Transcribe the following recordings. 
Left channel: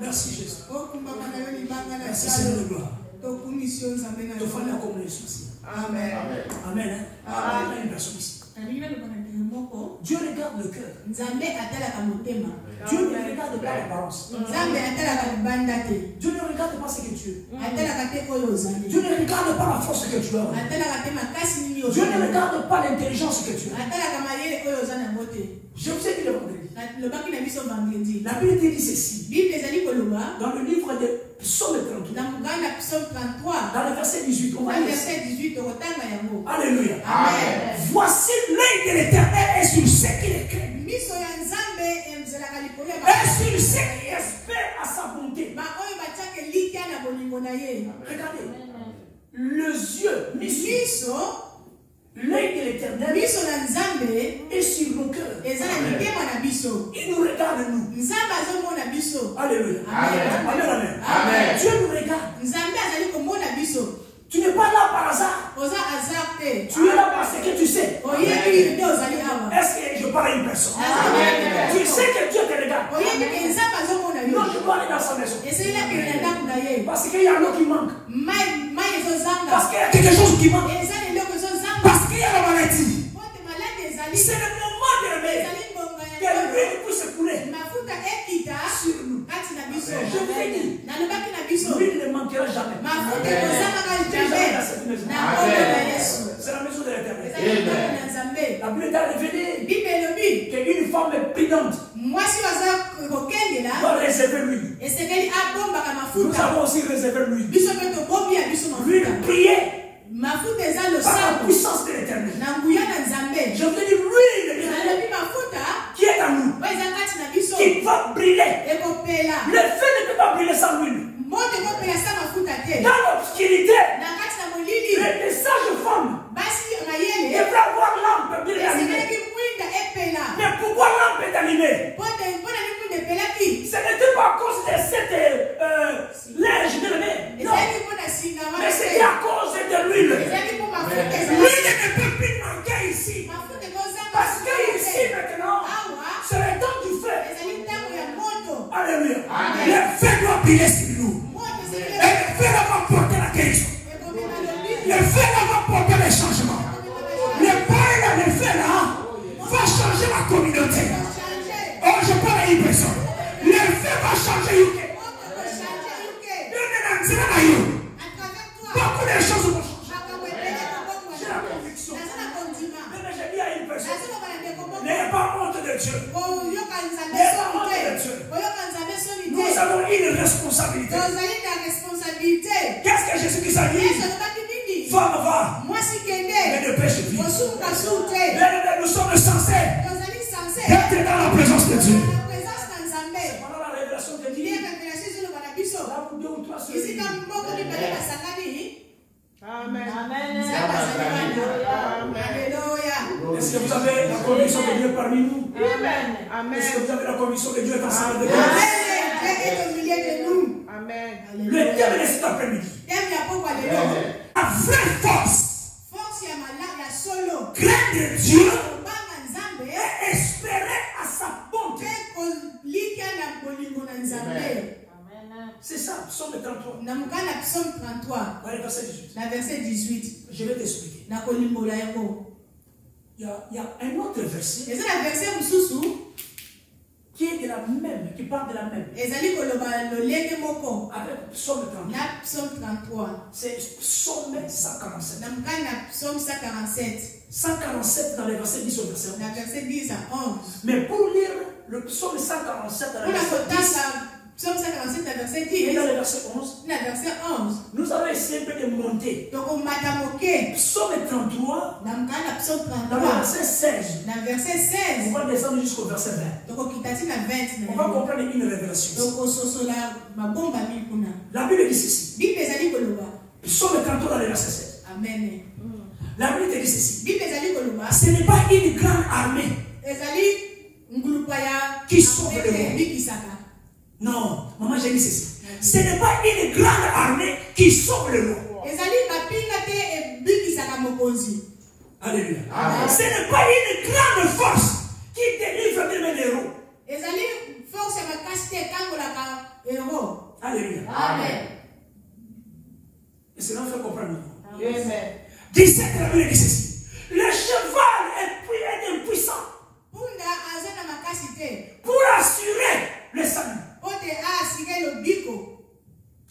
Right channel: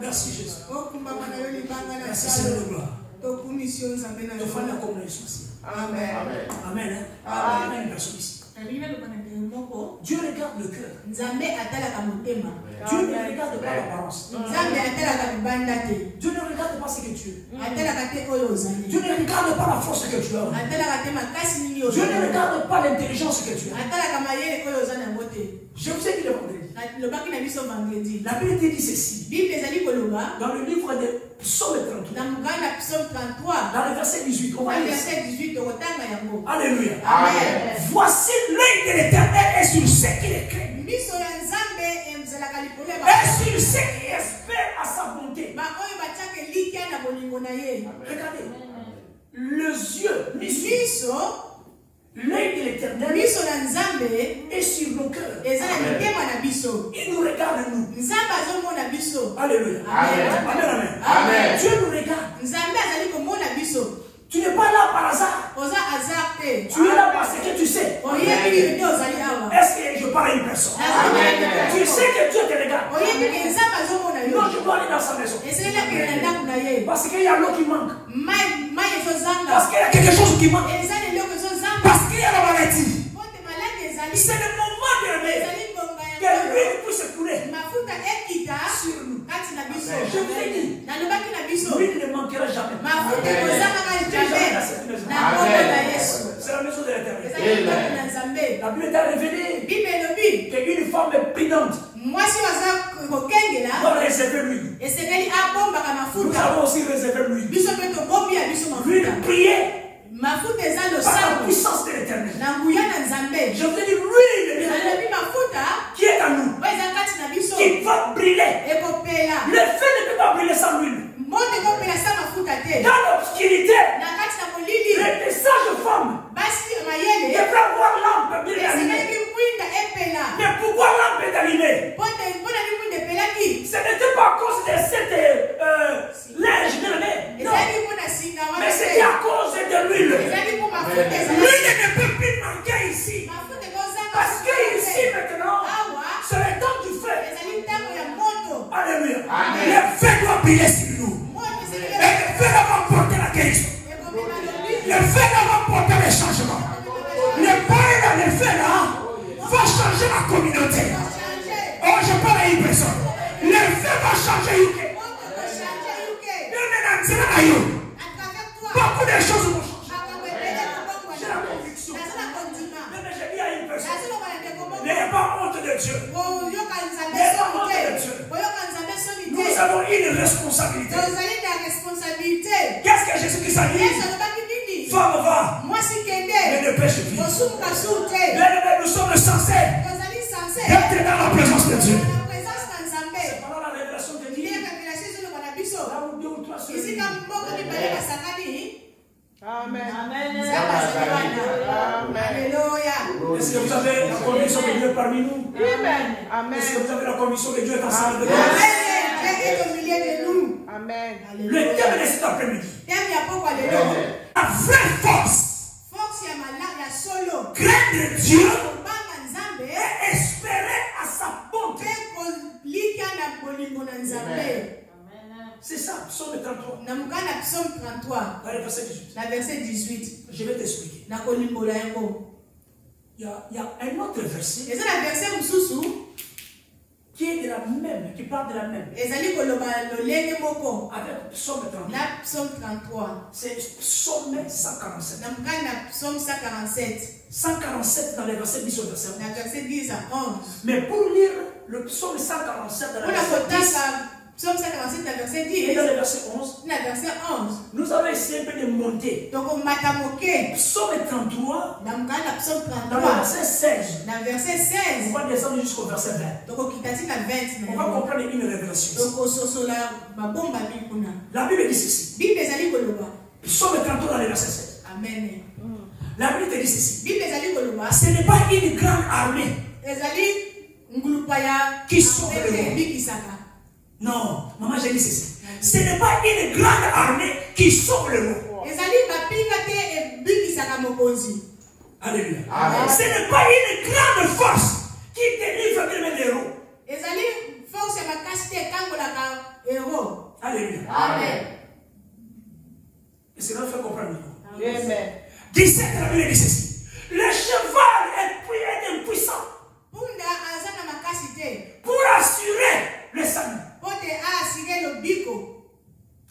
Merci Jésus. Merci Seigneur de gloire. Amen. Amen. Amen. Une personne ici. Dieu regarde le cœur. Dieu ne regarde pas l'apparence. Dieu ne regarde pas ce que tu es. Dieu ne regarde pas la force que tu as. Dieu ne regarde pas l'intelligence que tu as. Je vous ai dit le vendredi. La Bible dit ceci. Dans le livre de Psaume 33. Dans le verset 18. On va lire. Alléluia. Amen. Voici l'œil de l'Éternel est sur ceux qui le craignent. Et sur ceux qui espèrent à sa bonté. Regardez. Les yeux l'œil de l'Éternel est sur nos cœurs. Il nous regarde, nous. Alléluia. Amen. Amen. Amen. Dieu nous regarde. Tu n'es pas là par hasard. Tu es là parce que tu sais. Est-ce que je parle à une personne? Tu sais que Dieu te regarde. Non, tu dois aller dans sa maison. Parce qu'il y a l'eau qui manque. Parce qu'il y a quelque chose qui manque. Parce qu'il y a la maladie. C'est le moment de lever. Que l'huile puisse couler sur nous. Je vous ai dit, l'huile ne manquera jamais. Jamais dans cette maison. C'est la maison de l'Éternel. La Bible est révélée qu'une femme prudente doit réserver l'huile. Nous avons aussi réservé l'huile. L'huile priée par la puissance de l'Éternel. Je veux dire l'huile qui est en nous, qui va brûler. Le feu ne peut pas brûler sans l'huile. Dans l'obscurité, les sages femmes devraient avoir lampe bien allumée. Mais pourquoi lampe est allumée? Ce n'était pas à cause de cette linge de nez. Non. Mais c'était à cause de l'huile. L'huile ne peut plus manquer ici. Parce que ici maintenant, c'est le temps du feu. Alléluia. Le feu doit briller sur nous. Et le feu va porter la guérison. Le feu va porter le changement. Le feu là va changer la communauté. Oh, je parle à une personne. Le feu va changer UK. Beaucoup de choses vont changer. J'ai la conviction. Mais j'ai dit à une personne, n'ayez pas honte de Dieu. N'ayez pas honte de Dieu. Nous avons une responsabilité. Qu'est-ce que Jésus-Christ a dit? Femme va. Mais ne pêche plus. Nous sommes censés être dans la présence de Dieu. Pendant la révélation de Dieu. Là où Dieu ou toi se réunissent. Amen. Alléluia. Est-ce que vous avez la conviction que Dieu est parmi nous? Amen. Est-ce que vous avez la conviction que Dieu est ensemble de nous? Amen. Le thème de cet après-midi. La vraie force. Craindre Dieu et espérer à sa bonté. C'est ça, Psaume 33. Dans le verset 18. Je vais t'expliquer. Il y a un autre verset qui est de la même, qui parle de la même. Avec Psaume 33. C'est Psaume 147. 147 dans les versets 10 au verset 11. Mais pour lire le Psaume 147 dans le verset 10. Psaume 147, verset 10. Et dans le verset 11. Nous allons essayer de monter. Psaume 33. Dans le verset 16. On va descendre jusqu'au verset 20. On va comprendre une révélation. La Bible dit ceci. Psaume 33 dans le verset 16. Amen. La Bible te dit ceci. Ce n'est pas une grande armée qui sauve le monde. Non, maman, j'ai dit ceci. Ce n'est pas une grande armée qui sauve le monde. Alléluia. Amen. Ce n'est pas une grande force qui délivre même les héros. Alléluia. Amen. Et cela fait comprendre. Amen. 17, la Bible dit ceci. Le cheval est impuissant pour assurer le salut.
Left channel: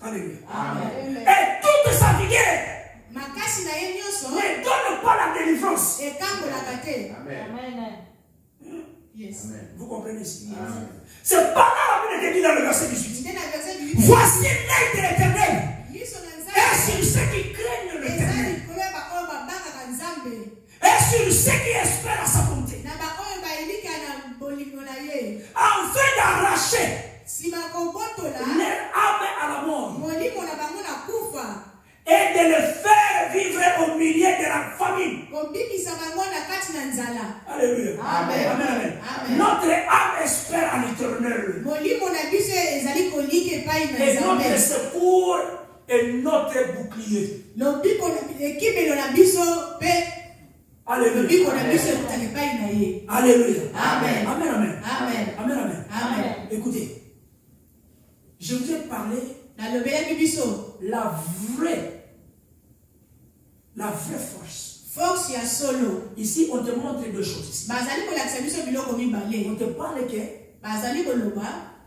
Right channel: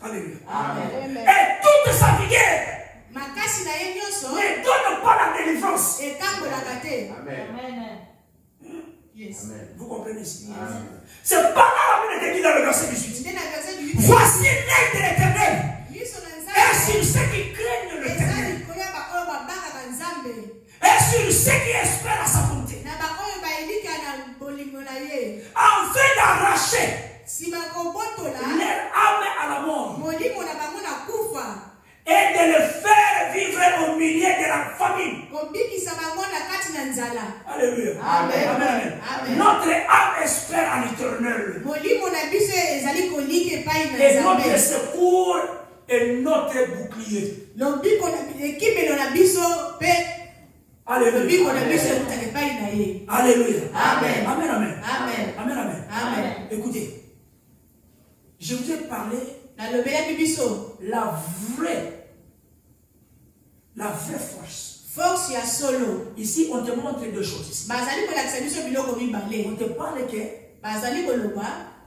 Alléluia. Amen. Et toute sa vigueur ne donne pas la délivrance. Amen. Yes. Amen. Vous comprenez ici? C'est pas là la Bible dit dans le verset 18. Voici l'œil de l'Éternel. Et sur ceux qui craignent l'Éternel. Et sur ceux qui espèrent à sa bonté. Afin d'arracher leur âme à la mort. Et de le faire vivre au milieu de la famine. Alléluia. Amen. Amen. Amen. Notre âme espère à l'Éternel. Et notre secours est notre bouclier. Alléluia. Alléluia. Amen. Amen. Amen. Amen. Amen. Amen. Écoutez, je vous ai parlé la vraie force. Ici, on te montre deux choses. Ici. On te parle que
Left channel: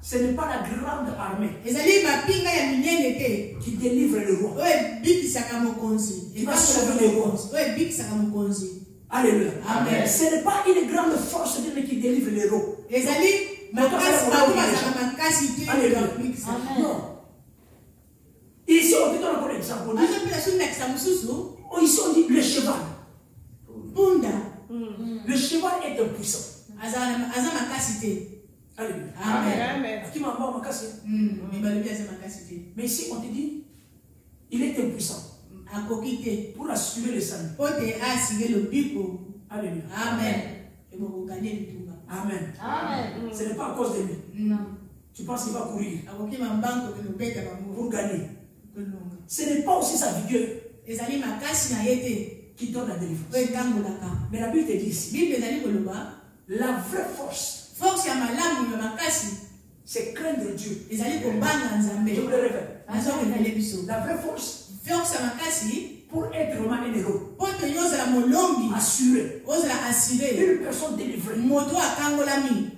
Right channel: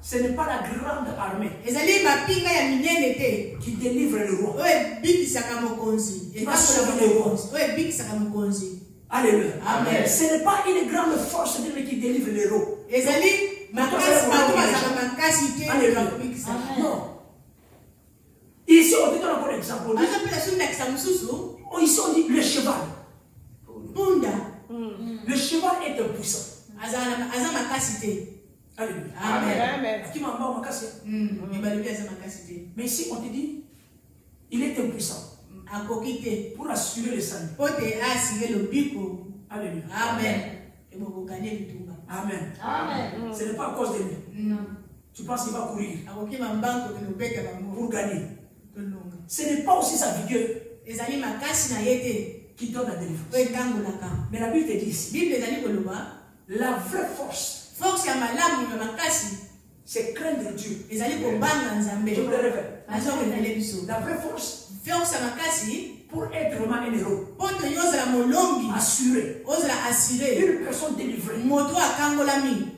ce n'est pas la grande armée qui délivre le roi. Il va sauver le roi. Alléluia. Amen. Ce n'est pas une grande force qui délivre le roi. Non. Ici, on te donne encore un exemple. Ici, on dit le cheval. Le cheval est impuissant. Alléluia. Amen. Mais ici, on te dit, il est impuissant pour assurer le salut. Alléluia. Amen. Amen. Amen. Ce n'est pas à cause de lui. Tu penses qu'il va courir pour gagner. Ce n'est pas aussi sa vigueur qui donne la délivrance. Mais la Bible te dit ici, la vraie force, c'est craindre Dieu. Je vous le répète. La vraie force, pour être vraiment un héros, assuré, une personne délivrée,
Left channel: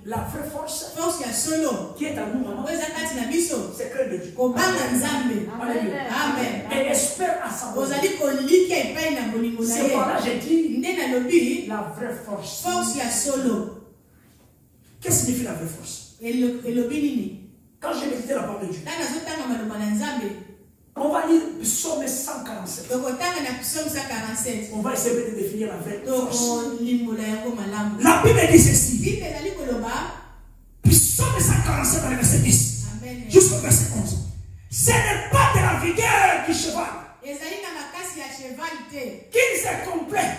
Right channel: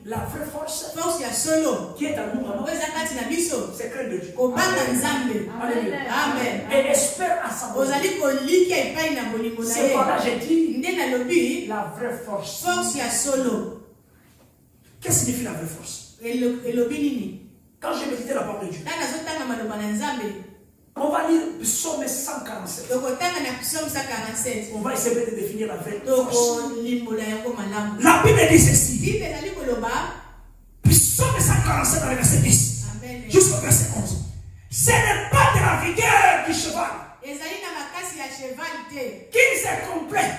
la vraie force qui est en nous, c'est craindre Dieu. Alléluia. Amen. Et espère à sa bonté. C'est par là j'ai dit la vraie force. Qu'est-ce que signifie la vraie force? Quand j'ai médité la parole de Dieu, on va lire Psaume 147. On va essayer de définir la vraie force. La Bible dit ceci. Psaume 147 dans le verset 10 jusqu'au verset 11. Ce n'est pas de la vigueur du cheval qu'il s'est complet.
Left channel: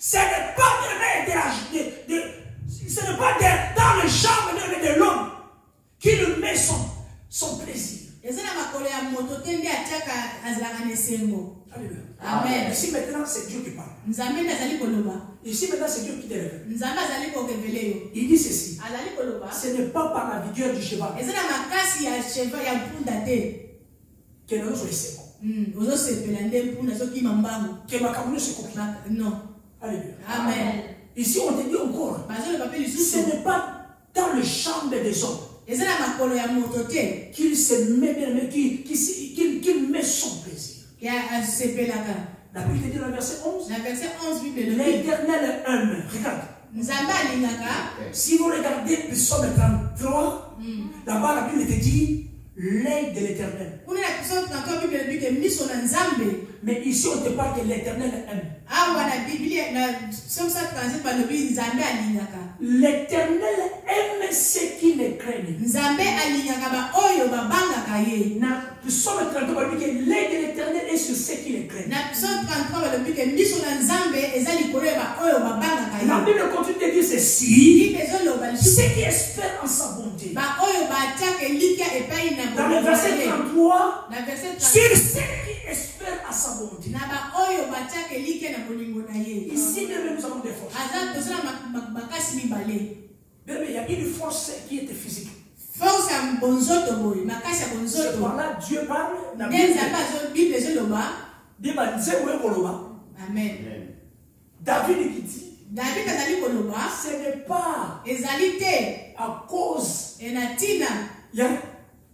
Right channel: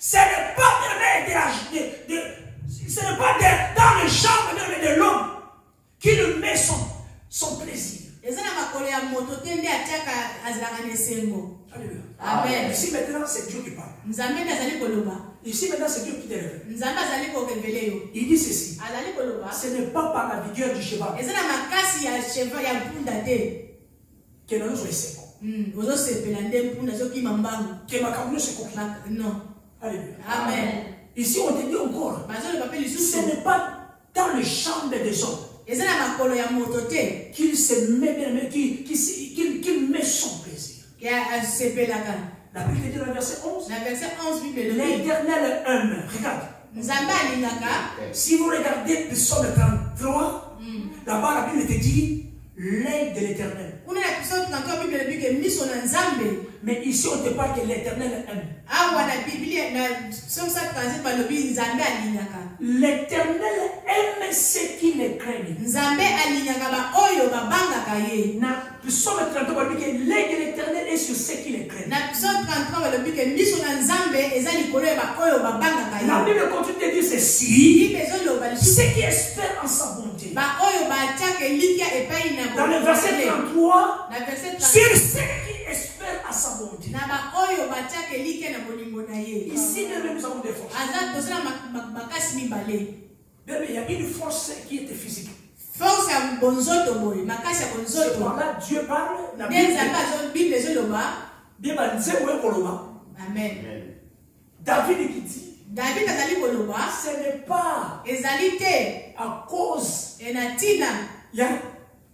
Ce n'est pas ce n'est pas dans le champ de l'homme qu'il met son plaisir. Amen. Ici maintenant c'est Dieu qui parle. Ici maintenant c'est Dieu qui révèle. Il dit ceci. Ce n'est pas par la vigueur du cheval que nous sommes non. Alléluia. Amen. Ici on te dit encore, ce n'est pas dans le champ des hommes qu'il se met, qu'il met son plaisir. La Bible dit dans le verset 11, l'Éternel aime. Regarde. Si vous regardez Psaume 33, là-bas la Bible te dit l'œil de l'Éternel. Mais ici on te parle que l'Éternel aime. L'Éternel aime ceux qui le craignent. Psaume 33, il dit que l'œil de l'Éternel est sur ceux qui les craignent. La Bible continue de dire ceci. Ceux qui espèrent en sa bonté. Dans le verset 33, sur ceux qui espèrent à sa bonté. Ici, nous avons des forces. Mais il y a une force qui était physique. Force à bonzoto boy, makasa bonzoto. C'est par là Dieu parle. Amen. David qui dit. David azali koloba. Ce n'est pas ezalité à cause. Enatina. Il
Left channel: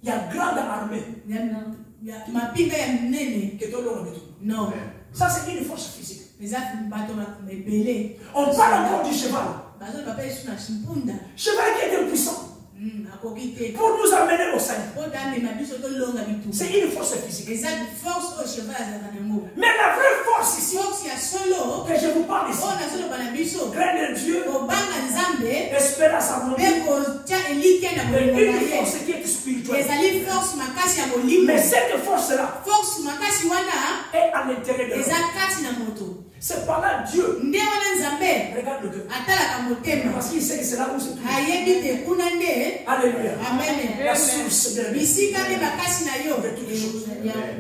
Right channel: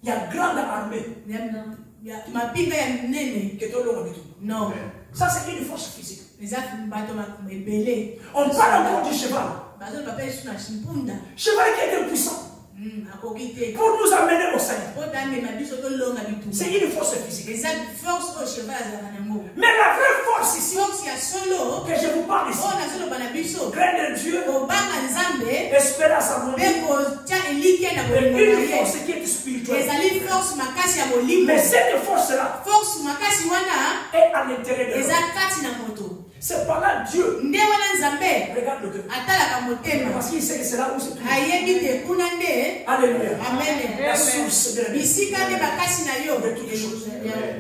y a grande armée. Mapinga ya nene. Non. Ça c'est une force physique. On parle encore du cheval. Cheval qui est puissant. Pour nous amener au salut. C'est une force physique. Mais la vraie force ici, que je vous parle ici, craindre Dieu, espérer à sa volonté, une force qui est spirituelle. Mais cette force-là est à l'intérieur de nous. C'est par là Dieu regarde le cœur. Parce qu'il sait que c'est là où c'est tout. Alléluia. Amen. La source de toutes les choses.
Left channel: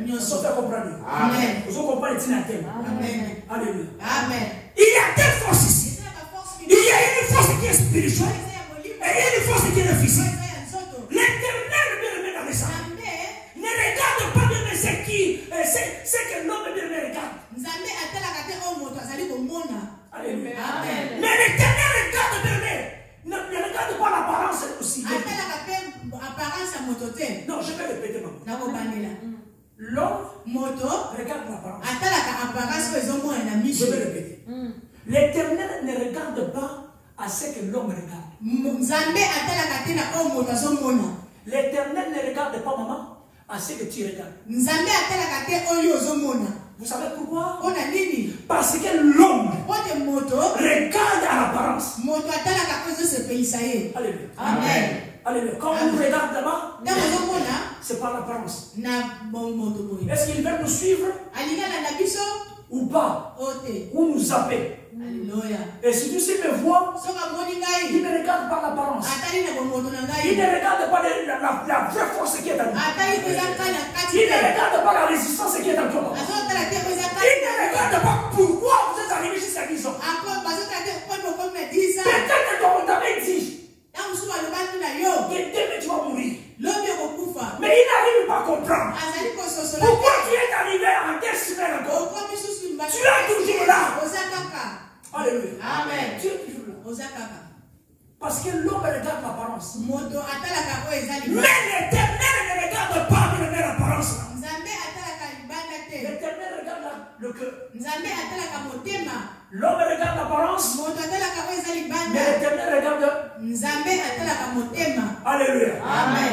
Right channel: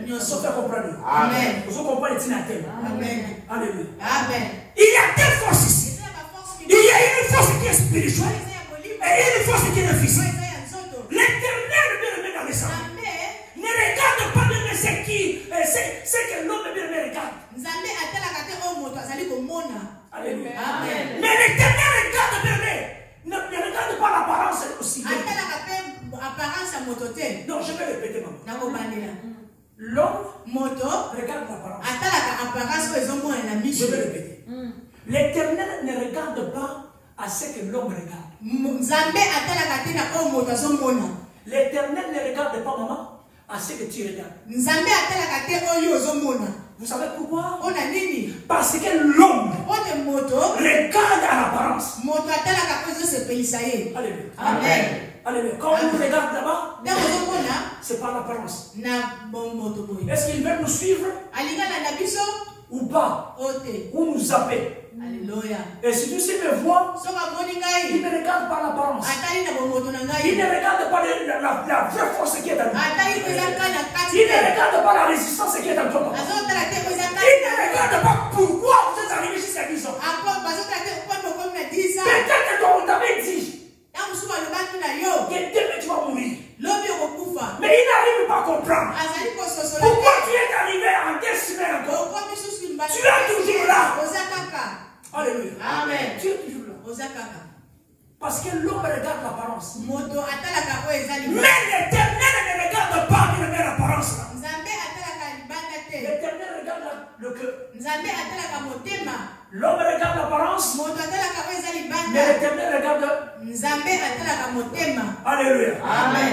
Nous sommes comprendre. Amen. Vous comprenez Amen. Alléluia. Amen. Il y a deux forces ici. Il y a une force qui est spirituelle et une force qui est physique. L'Éternel bien-aimé dans les saints ne regarde pas bien ce que l'homme bien-aimé regarde. Alléluia. Amen. Mais l'Éternel regarde bien-aimé. Ne regarde pas l'apparence aussi. Non, je vais répéter maintenant. L'homme regarde l'apparence. Je vais répéter. L'Éternel ne regarde pas à ce que l'homme regarde. L'Éternel ne regarde pas, maman, à ce que tu regardes. Vous savez pourquoi? Parce que l'homme regarde à l'apparence. Alléluia. Amen. Alléluia. Quand on nous regarde là-bas, c'est par l'apparence. Est-ce qu'il veut nous suivre ou pas? Ou nous zapper? Alléluia. Et si tu sais me voir, il ne regarde pas l'apparence. Il ne regarde pas la vraie force qui est en nous. Il ne regarde pas la résistance qui est en toi. Il ne regarde pas pourquoi vous êtes arrivé jusqu'à 10 ans. Peut-être que on t'avait dit que demain tu vas mourir. Mais il n'arrive pas à comprendre. Pourquoi tu es arrivé en 10 semaines encore? Tu es toujours là. Alléluia. Amen. Tu es toujours là. Parce que l'homme regarde l'apparence. Mais l'Éternel ne regarde pas l'apparence. L'Éternel regarde le cœur. L'homme regarde l'apparence. Mais l'Éternel regarde. Alléluia. Amen.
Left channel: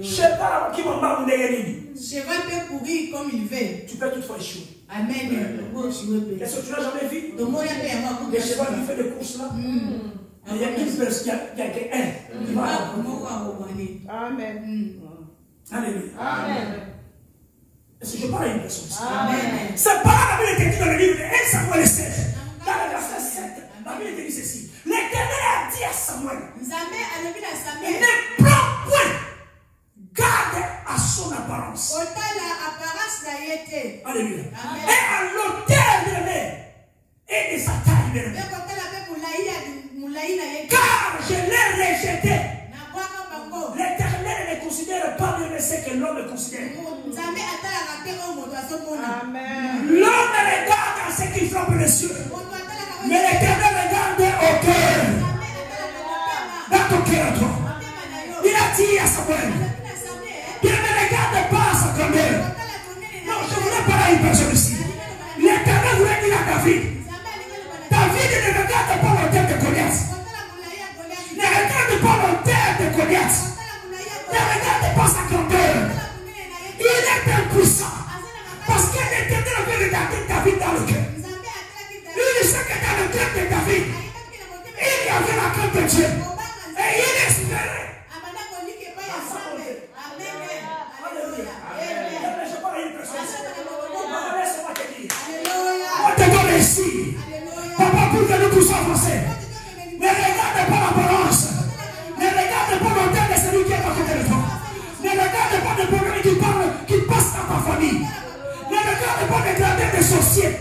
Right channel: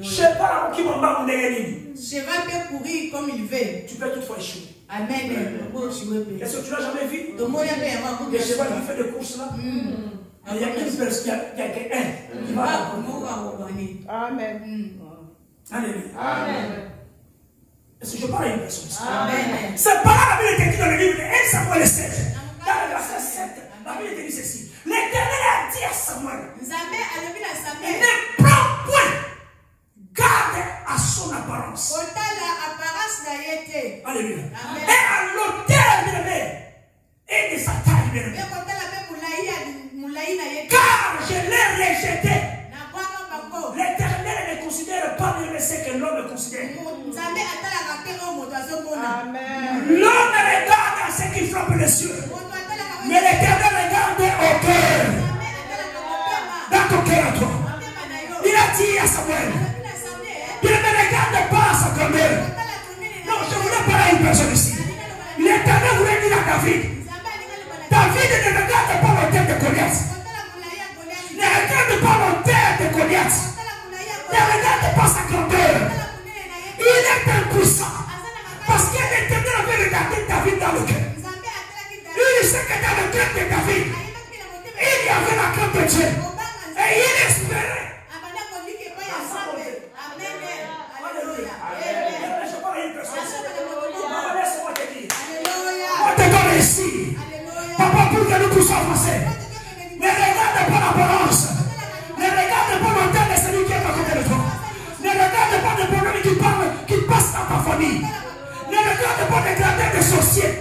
Je sais pas qui m'a demandé. Cheval peut courir comme il veut. Tu peux toutefois échouer. Amen. Est-ce que tu n'as jamais vu des chevaux qui font des courses là? Il y a une personne qui a un qui va là. Amen. Alléluia. Amen. Est-ce que je parle à une personne ici? Amen. C'est pas la Bible qui dit dans le livre de 1 Samuel 7. Dans le verset 7, la Bible dit ceci. L'Éternel a dit à Samuel, ne prends point garde à son apparence. Alléluia. Et à l'autel bien-aimé et de sa taille bien-aimé. Car je l'ai rejeté. L'Éternel ne considère pas bien ce que l'homme considère. L'homme regarde à ce qui frappe les cieux. Mais l'Éternel regarde au cœur. Dans ton cœur à toi. Il a dit à Samuel, il ne regarde pas à sa grand-mère. Non, je voulais parler à une personne ici. L'Éternel voulait dire à David, David ne regarde pas l'autel de Goliath. Ne regarde pas l'autel de Goliath. Ne regarde pas sa grandeur. Il est impuissant. Parce que l'Éternel avait regardé David dans le cœur. Il sait que dans le cœur de David, il y avait la crainte de Dieu. Et il espérait. Amen. ici. Papa, pour que nous puissions avancer. Ne regarde pas la balance. Ne regarde pas le temps de celui qui est à côté de toi. Ne regarde pas le problème qui passe dans ta famille. Ne regarde pas les gradins des sorciers.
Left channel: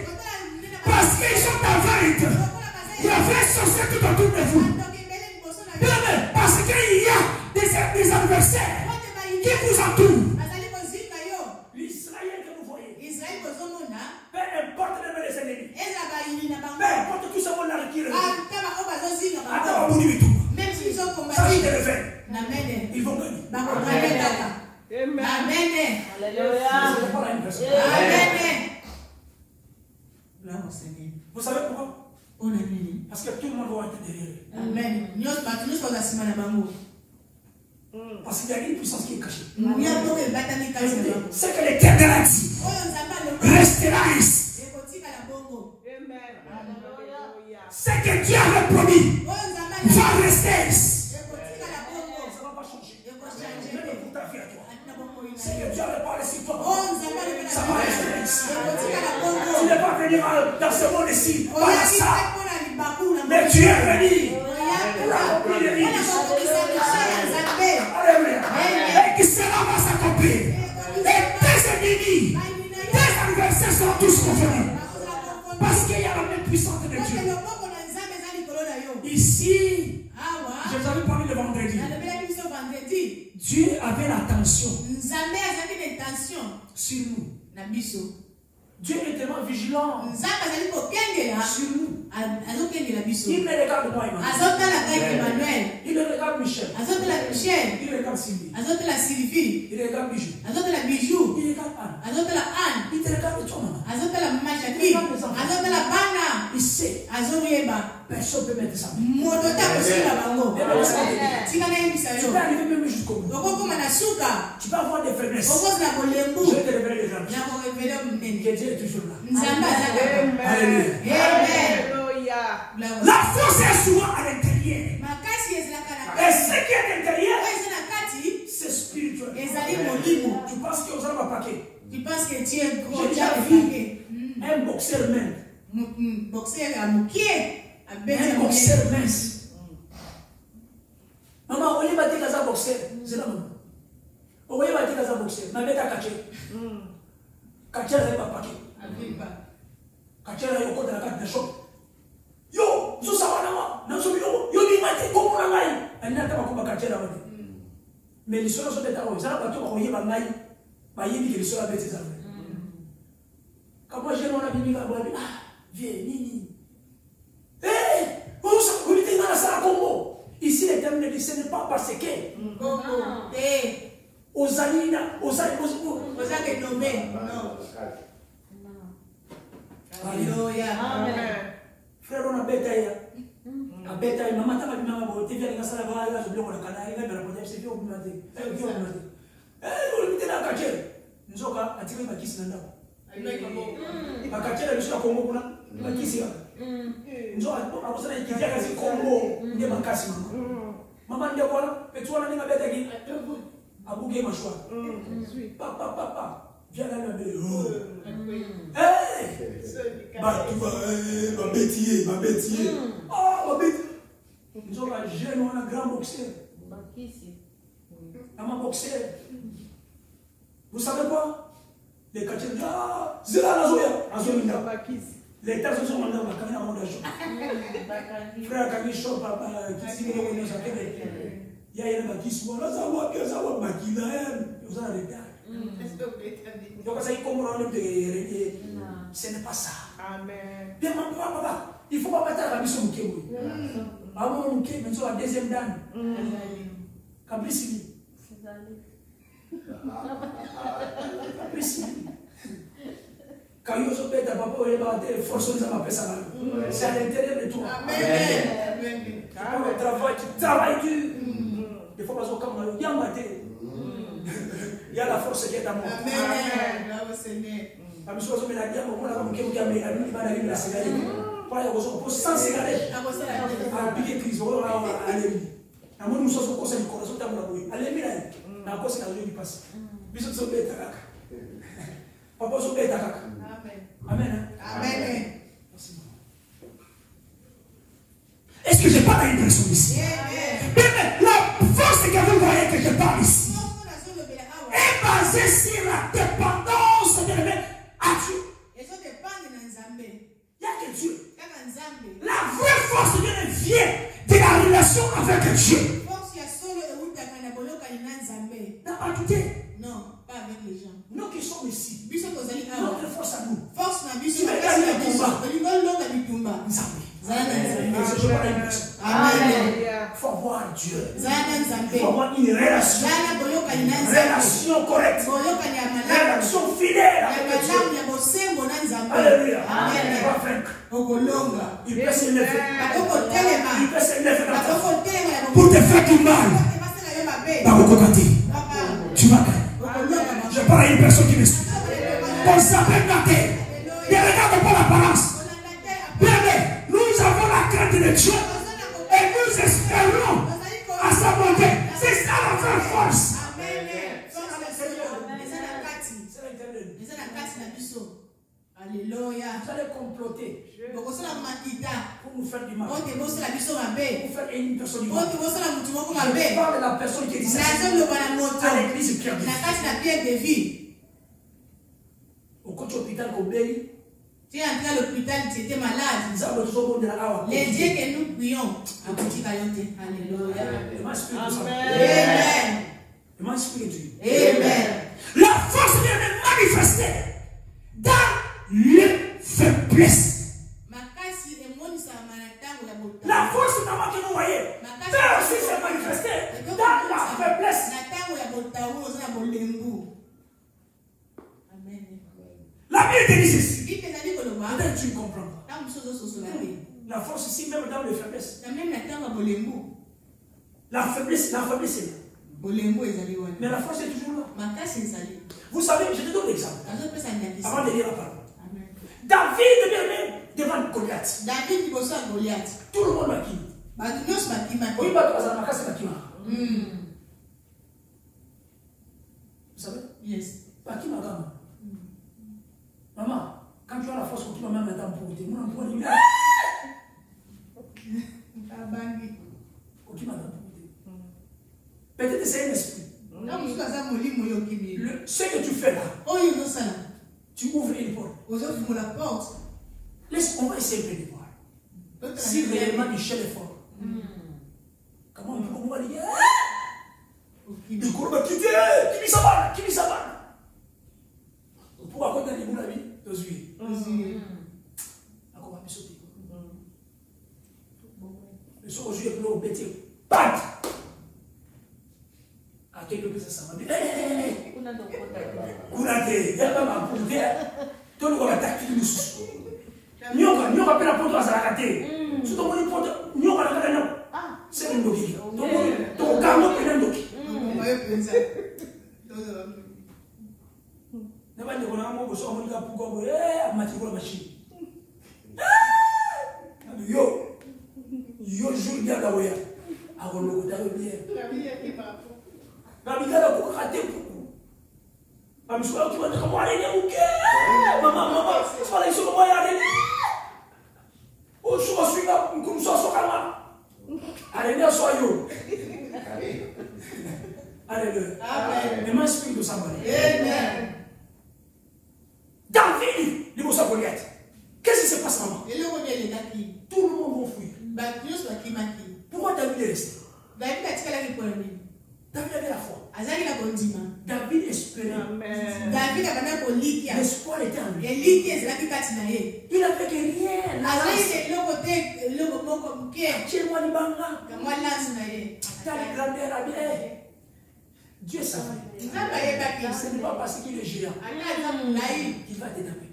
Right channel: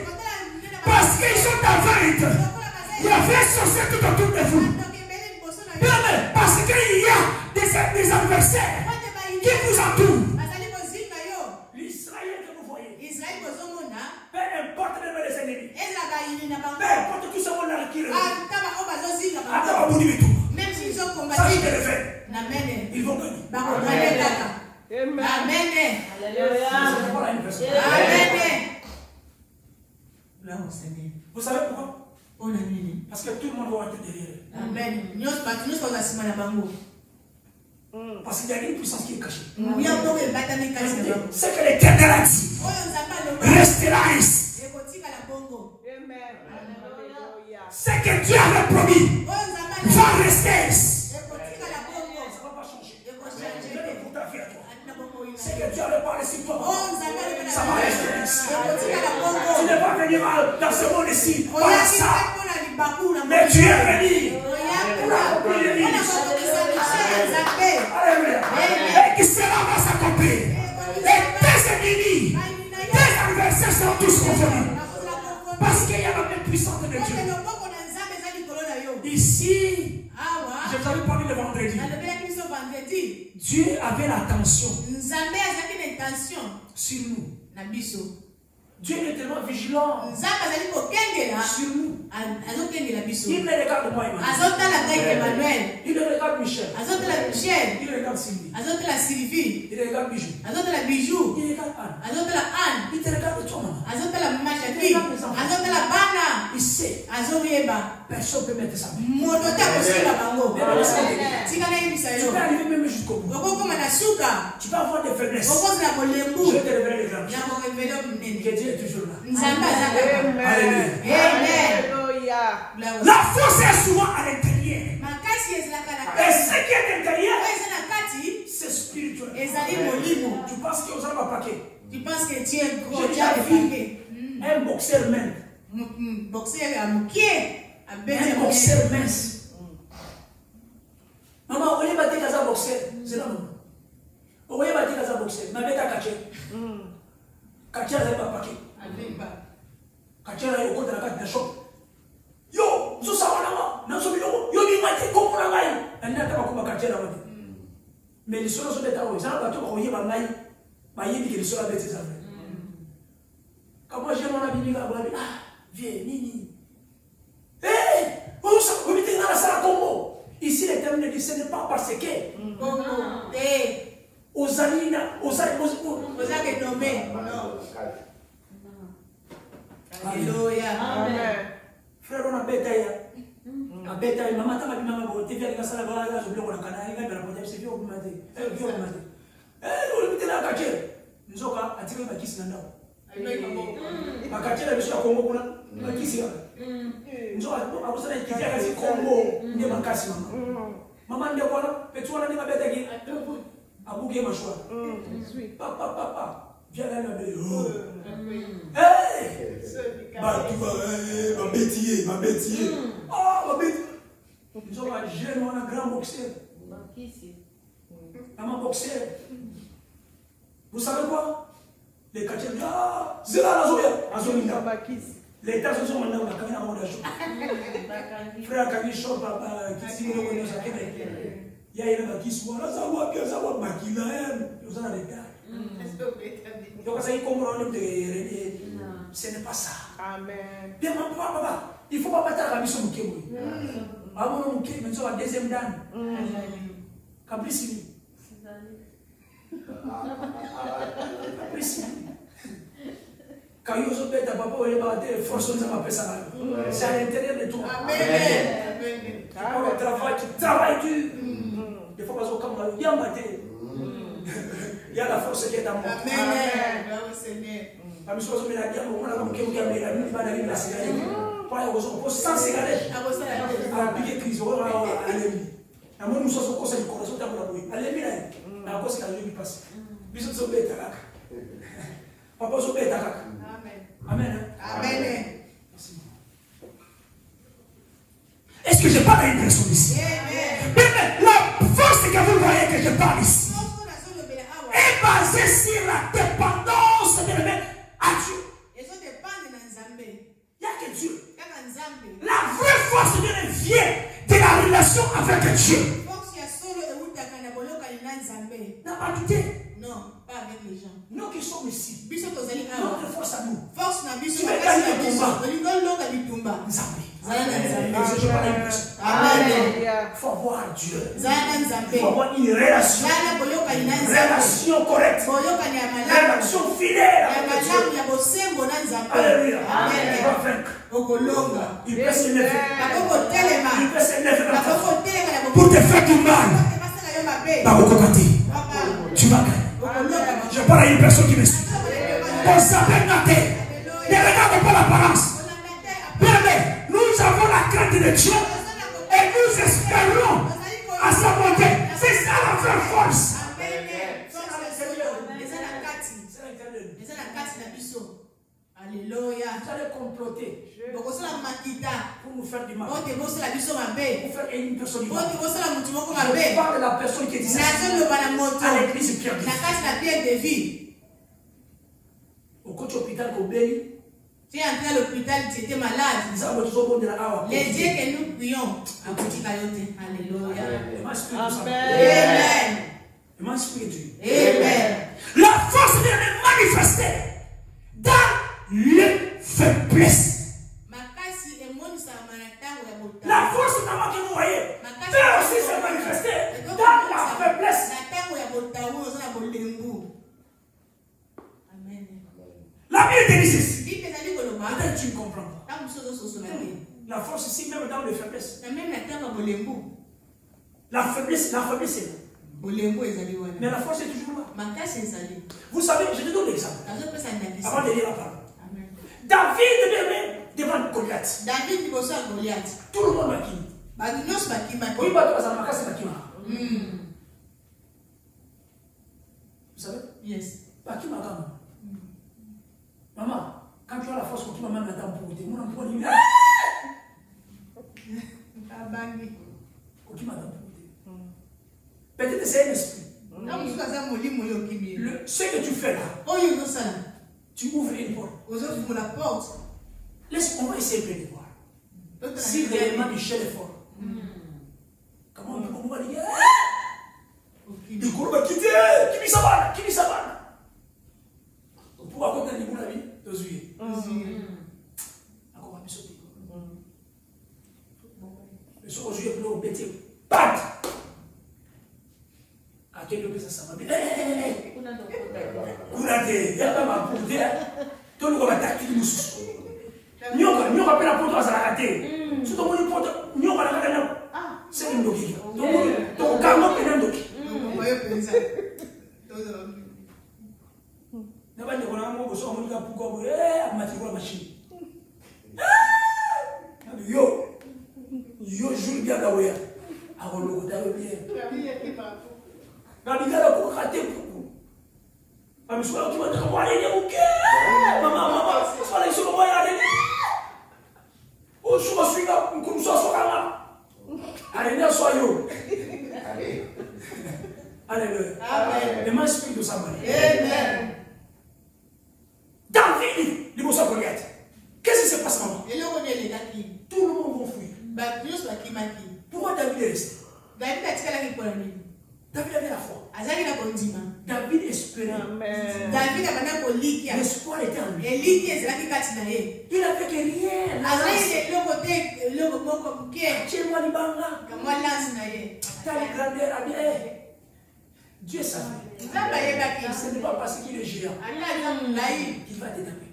Parce qu'ils sont en vérité. Il y a des sorciers tout autour de vous. Parce qu'il y a des adversaires qui vous entourent. L'Israël que vous voyez, peu importe même les ennemis, peu importe tout ce monde là qui le même s'ils ont combattu, ils vont gagner. Amen. Vous savez pourquoi? Parce que tout le monde va être derrière. Amen. Parce qu'il y a une puissance qui est cachée. C'est que les cataractes restera ici. C'est que Dieu avait promis va rester ici. Ça ne va pas changer. Même pour ta vie à toi. C'est que Dieu avait parlé sur toi. Ça va rester ici. Tu n'es pas venu dans ce monde ici par ça. Mais tu es venu pour accomplir les missions. Alléluia. Et qui cela va s'accomplir. Et tes ennemis, tes adversaires sont tous contenus. Parce qu'il y a la même puissance de Dieu. Ici, je t'avais parlé le vendredi. Dieu avait l'attention sur nous. Dieu est tellement vigilant sur nous. Il ne regarde moi, Emmanuel. Il regarde Michel. Il regarde Sylvie. Il regarde Bijou. Il regarde Anne. Il te regarde toi, maman. Il sait. Personne ne peut mettre sa main. Tu peux arriver même jusqu'au bout. Tu peux avoir des faiblesses. Je vais te révéler les grandes choses. Que Dieu est toujours là. Alléluia. La force est souvent à l'intérieur. Et ce qui est à l'intérieur, c'est spirituel. Tu penses que vous allez m'attaquer. Tu penses que tu es gros. J'ai déjà vu un boxeur même. Un boxeur mince. Maman, on est battu dans un boxeur. C'est là, maman. On est battu dans un boxeur. Ma mère a caché. Caché, elle n'a pas paqué. Caché, elle a eu au côté de la carte de choc. Yo, zo sawana na zo biloko yo ni mati ko na ngai ana ta ko bakatela wote mais les choses sont bêta o ça ba to ko yeba ngai ba yebi que les choses bêta ça quand moi j'ai mon ami va dire ah viens nini on ça ko mité na sala Congo ici les termes ne disent pas parce que Congo aux alina aux que nommé non alléluia amen. Frère, on a bêté. A bêté, maman, t'as vu maman, tu viens de la salle, là, je bloque la canne, elle va la poser, c'est bien, on m'a dit. Elle vient, on m'a dit. Elle, on la caché. Nous sommes à tirer ma kiss là. Ma caché, elle est sur la Congo, ma kiss là. Nous sommes à cause de la kiss, elle est Congo, il y a ma casse, maman. Maman, il y a quoi là? Petit, on a mis ma bête qui a bouqué ma choix. Papa. Viens là, ma belle. Hey! Ma bêtier. Oh, ma bêtier. Nous sommes un jeune, on a un grand boxeur. Un boxeur. Vous savez quoi? Les quartiers, c'est là, la Zoya. Les États sont maintenant, on a quand même un monde d'argent. Frère, quand il chante, il y a un qui soit là, ça va bien, ça va bien, il y a un retard. Donc, ça y est, ce n'est pas ça. Amen. Bien, papa, il ne faut pas battre la mission de Kémoui. Avant de Kémoui, nous sommes à la deuxième dame. Capricini. Quand il y a un papa, il y a des forces de ma personne. C'est à l'intérieur de toi. Amen. Tu prends le travail, tu travailles dur. Il faut pas se comme il y a un matin. Il y a la force qui est à moi. Amen. La mission de la guerre, on a un qui a mis la cigarette. Quand il y a un sans cigarette, à piquer crise, on va aller. À mon nous sommes au conseil du corazon, on va aller. Allez, mais la cause qui a eu passe. Bisous de bête. Papa, so bête. Amen. Amen. Est-ce que je parle à une personne ici? Mais la force que vous voyez que je parle ici est basée sur la dépendance de à Dieu. Il n'y a que Dieu. La vraie force vient de la relation avec Dieu. N'a pas douté. Non, pas avec les gens. Nous qui sommes ici, notre force à nous. Force n'a vu tu veux gagner le combat. Amen. Il faut avoir Dieu. Il faut avoir une relation. Relation correcte. Relation fidèle avec Dieu. Alléluia. Il va vaincre. Il peut se lever. Il peut se lever pour te faire du mal. Tu vas gagner. Je parle à une personne qui me suit. On s'appelle Nathé. Ne regarde pas l'apparence. Bien, nous avons la crainte de Dieu et nous espérons à sa bonté. C'est ça notre force. Alléluia. Vous allez comploter pour nous faire du mal. Pour faire une personne du mal. Je parle de la personne qui est ici à l'église Pierre de Vie. Au côté hôpital Kobeli. Tu es entré à l'hôpital, tu étais malade. Les dieux que nous prions. Alléluia. Amen. La force est manifestée dans les faiblesses. La force que vous voyez, là aussi s'est manifestée dans la faiblesse. La Bible dit ceci. Peut-être tu ne comprends pas. La force ici, même dans les faiblesses. La faiblesse est là. Mais la force est toujours là. Vous savez, je te donne l'exemple. Avant de lire la parole. David même devant Goliath. Tout le monde m'a dit. Oui, vous savez? Yes. Maman, quand tu as la force, tu vas même maintenant pour te dire, on dire. Peut-être que c'est un esprit. Ce que tu fais là, tu ouvres une porte. On va essayer de voir. Si réellement Michel est fort. Comment on va dire? Il court, qui s'abonne. Pour raconter les la vie, encore un sauter. Le soir aujourd'hui, il faut péter. Pat! À quelques personnes, ça va dire. Courage, il y a pas ma poudre. Tout le monde va attaquer nous. Nous on appelle la poudre à la rater. Si tout le monde est nous on va la rater. C'est une doki. Donc, carrément, il y a un doki. Yo joue bien là où il y a. Alors le côté bien. Babila pour rater pour. Maman soit tu vas te voir aller OK. Maman, soit là sur moi aller. Oh, je suis là comme ça sur là. Allez, là sois yo. Alléluia. Amen. Le esprit de Samuel. Amen. David, il va s'en Goliath. Qu'est-ce qui se passe maman? Tout le monde va fuir. Pourquoi David est resté? David avait la foi. David espérait. L'espoir était en lui. Il n'avait que rien. Dieu savait. Ce n'est pas parce qu'il est géant. Il va te taper.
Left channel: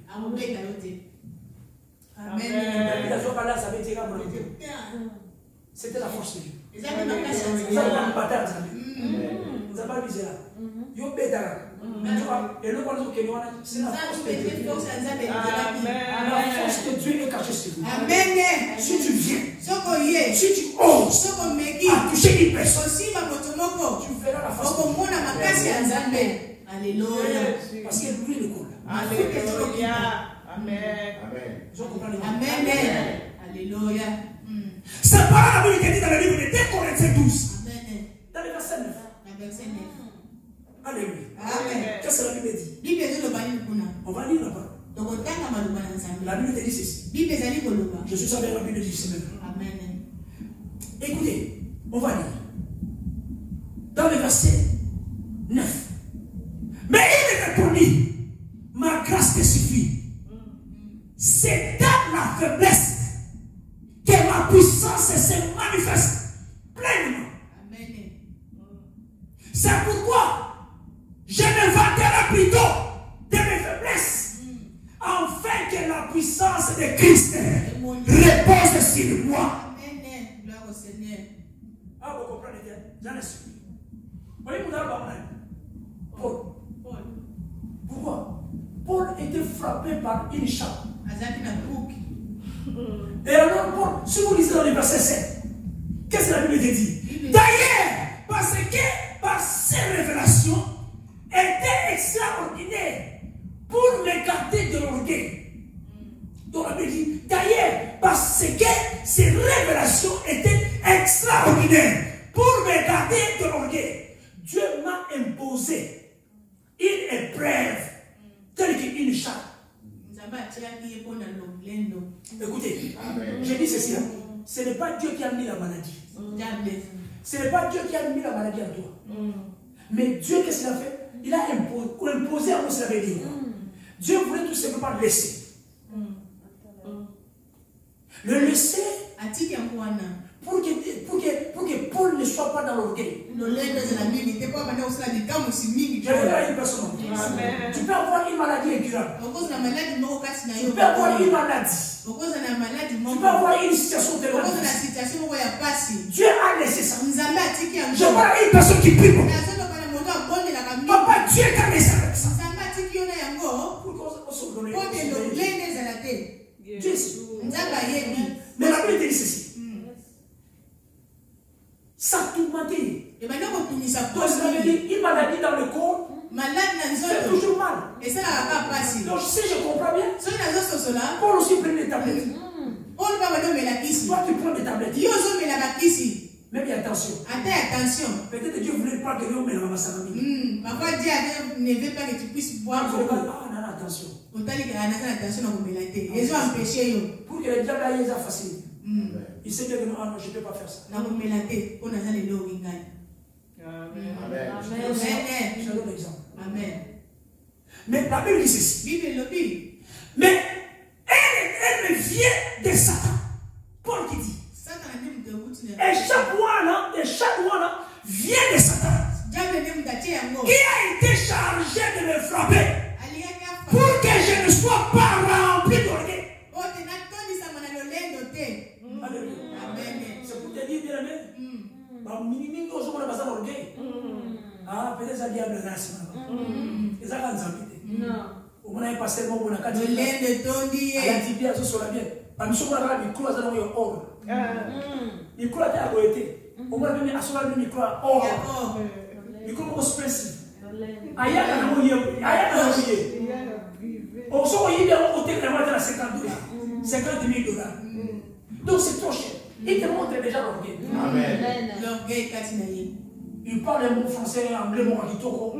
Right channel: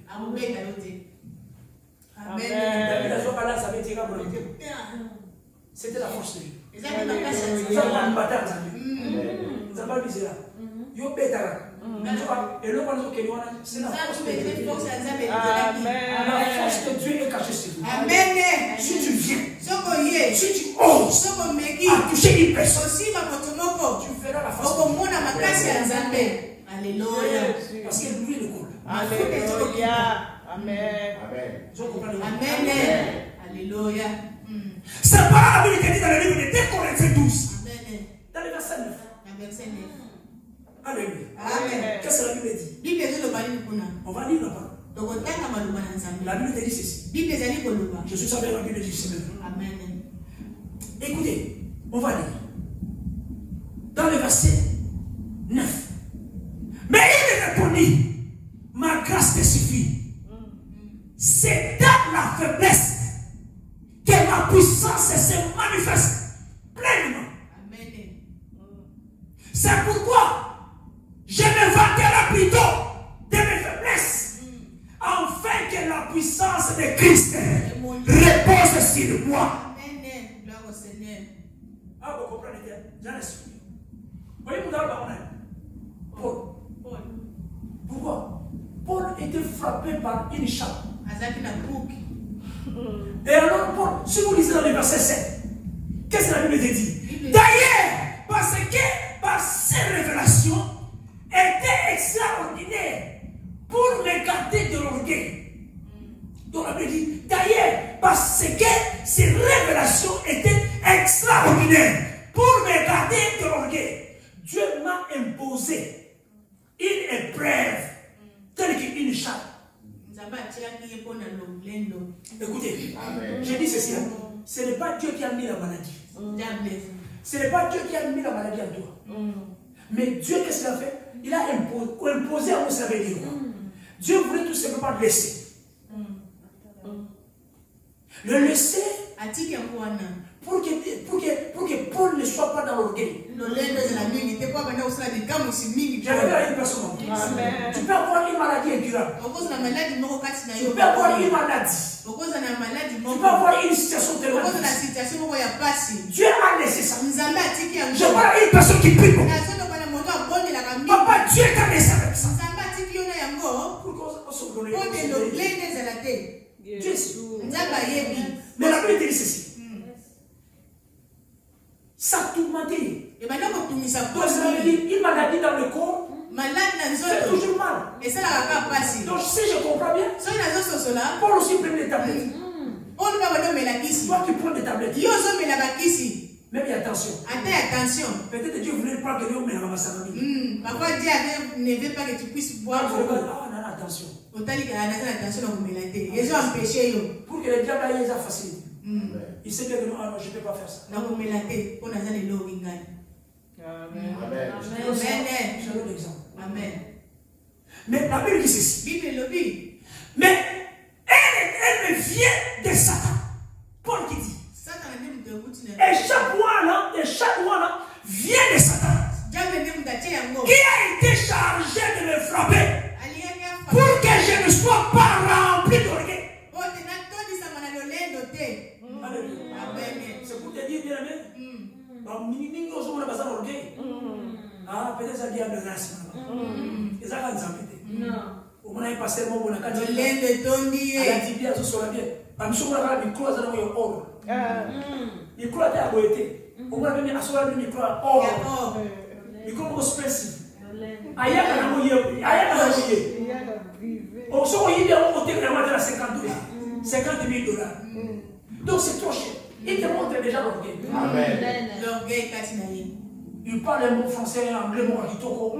C'était la force de Dieu. Ils ont une bataille. Ils ont pas visé là. Ils ont pété là. Et le point c'est la force de Dieu. La force de Dieu est cachée sur vous. Si tu viens, si tu oses à toucher une personne, tu verras la force de Dieu. Alléluia. Parce que lui le coule. Amen. Amen. Alléluia. C'est pas la Bible qui dit dans le livre de 2 Corinthiens 12. Amen. Dans le verset 9. Verset 9. Alléluia. Amen. Qu'est-ce que la Bible dit? Bible est le bali kuna. On va lire là-bas. Donc on t'a maluma na nzambe. La Bible dit ceci. Bible est ali koluma. Je suis sûr que la Bible dit ceci même. Amen. Écoutez, on va lire. Dans le verset 9. Mais il répondit, ma grâce te suffit. C'est dans la faiblesse que ma puissance se manifeste pleinement. Amen. C'est pourquoi je me vanterai plutôt de mes faiblesses, afin que la puissance de Christ repose sur moi. Amen. Gloire au Seigneur. Ah, vous comprenez bien? J'en explique. Vous voyez, vous avez Paul. Pourquoi? Paul était frappé par une chape. Et alors, Paul, si vous lisez dans le verset 7, qu'est-ce que la Bible dit? D'ailleurs, parce que par ces révélations étaient extraordinaires pour m'écarter de l'orgueil. Donc la Bible dit, d'ailleurs, parce que ces révélations étaient extraordinaires pour m'écarter de l'orgueil, Dieu m'a imposé une épreuve telle qu'une chape. Écoutez, je dis ceci, ce n'est pas Dieu qui a mis la maladie. Ce n'est pas Dieu qui a mis la maladie en toi. Mais Dieu, qu'est-ce qu'il a fait? Il a imposé à vous, ça veut dire. Dieu voulait tout simplement le laisser. Le laisser pour que Paul ne soit pas dans l'orgueil. Je vais dire une personne. Tu peux avoir une maladie incurable. Tu peux avoir une maladie. Tu peux avoir une situation terroriste. Dieu a laissé ça. Je vois une personne qui prie. Papa, Dieu t'a laissé avec ça. Mais la Bible dit ceci. Ça tourmenté. Donc ça veut dire une maladie dans le corps fait toujours mal. Donc si je comprends bien, Paul aussi prenait des tablettes. Toi tu prends des tablettes. Mais attention. Peut-être Dieu voulait pas que l'homme ait sa famille. Parfois Dieu ne veut pas que tu puisses boire. Attention. Les gens empêchent. Pour que le diable aille ça facile. Il sait que non, je ne peux pas faire ça. Amen. Je donne l'exemple. Amen. Mais la Bible dit ceci. Mais elle vient de Satan. Paul qui dit. Et chaque one vient de Satan. Qui a été chargé de me frapper pour que je ne sois pas rempli d'orgueil. C'est pour te dire, bien aimé, ah, peut-être ça vient de grâce. Et ça, quand on a passé le moment, on a dit, il y a tout sur la bière. Par exemple, on a dit, il croise dans le or. Il croise à côté. On a mis à soi le micro or. Il croise au expressif. Aïe, on a mouillé. On s'en va y aller au téléphone de 50 000 $. Donc c'est trop cher. Il te montre déjà l'orgueil. L'orgueil, il parle un mot français, un anglais, mot kitoko.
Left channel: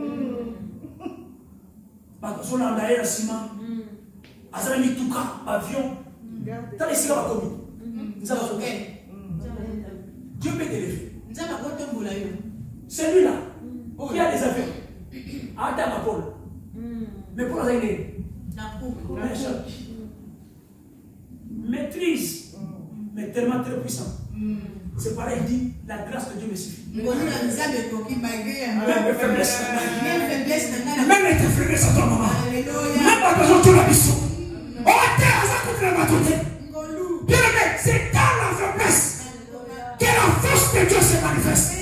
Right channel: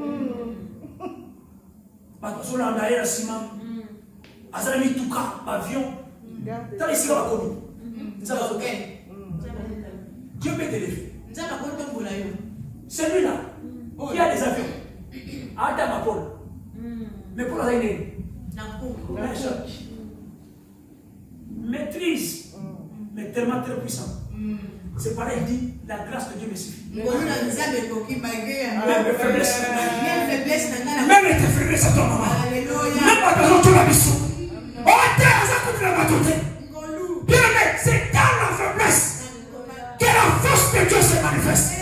Parce qu'on a d'ailleurs un ciment. Azra mi tuka, avion. T'as les cigares comme nous. Dieu peut t'élever. Celui-là, il y a des avions. Adam Paul. Mais pour la maîtrise, mais tellement très puissant. C'est pareil, il dit, la grâce de Dieu me suffit. Même mes faiblesses. Même tes faiblesses à ton moment. Même pas besoin de tout la mission. Bien aimé, c'est dans la faiblesse que la force de Dieu se manifeste.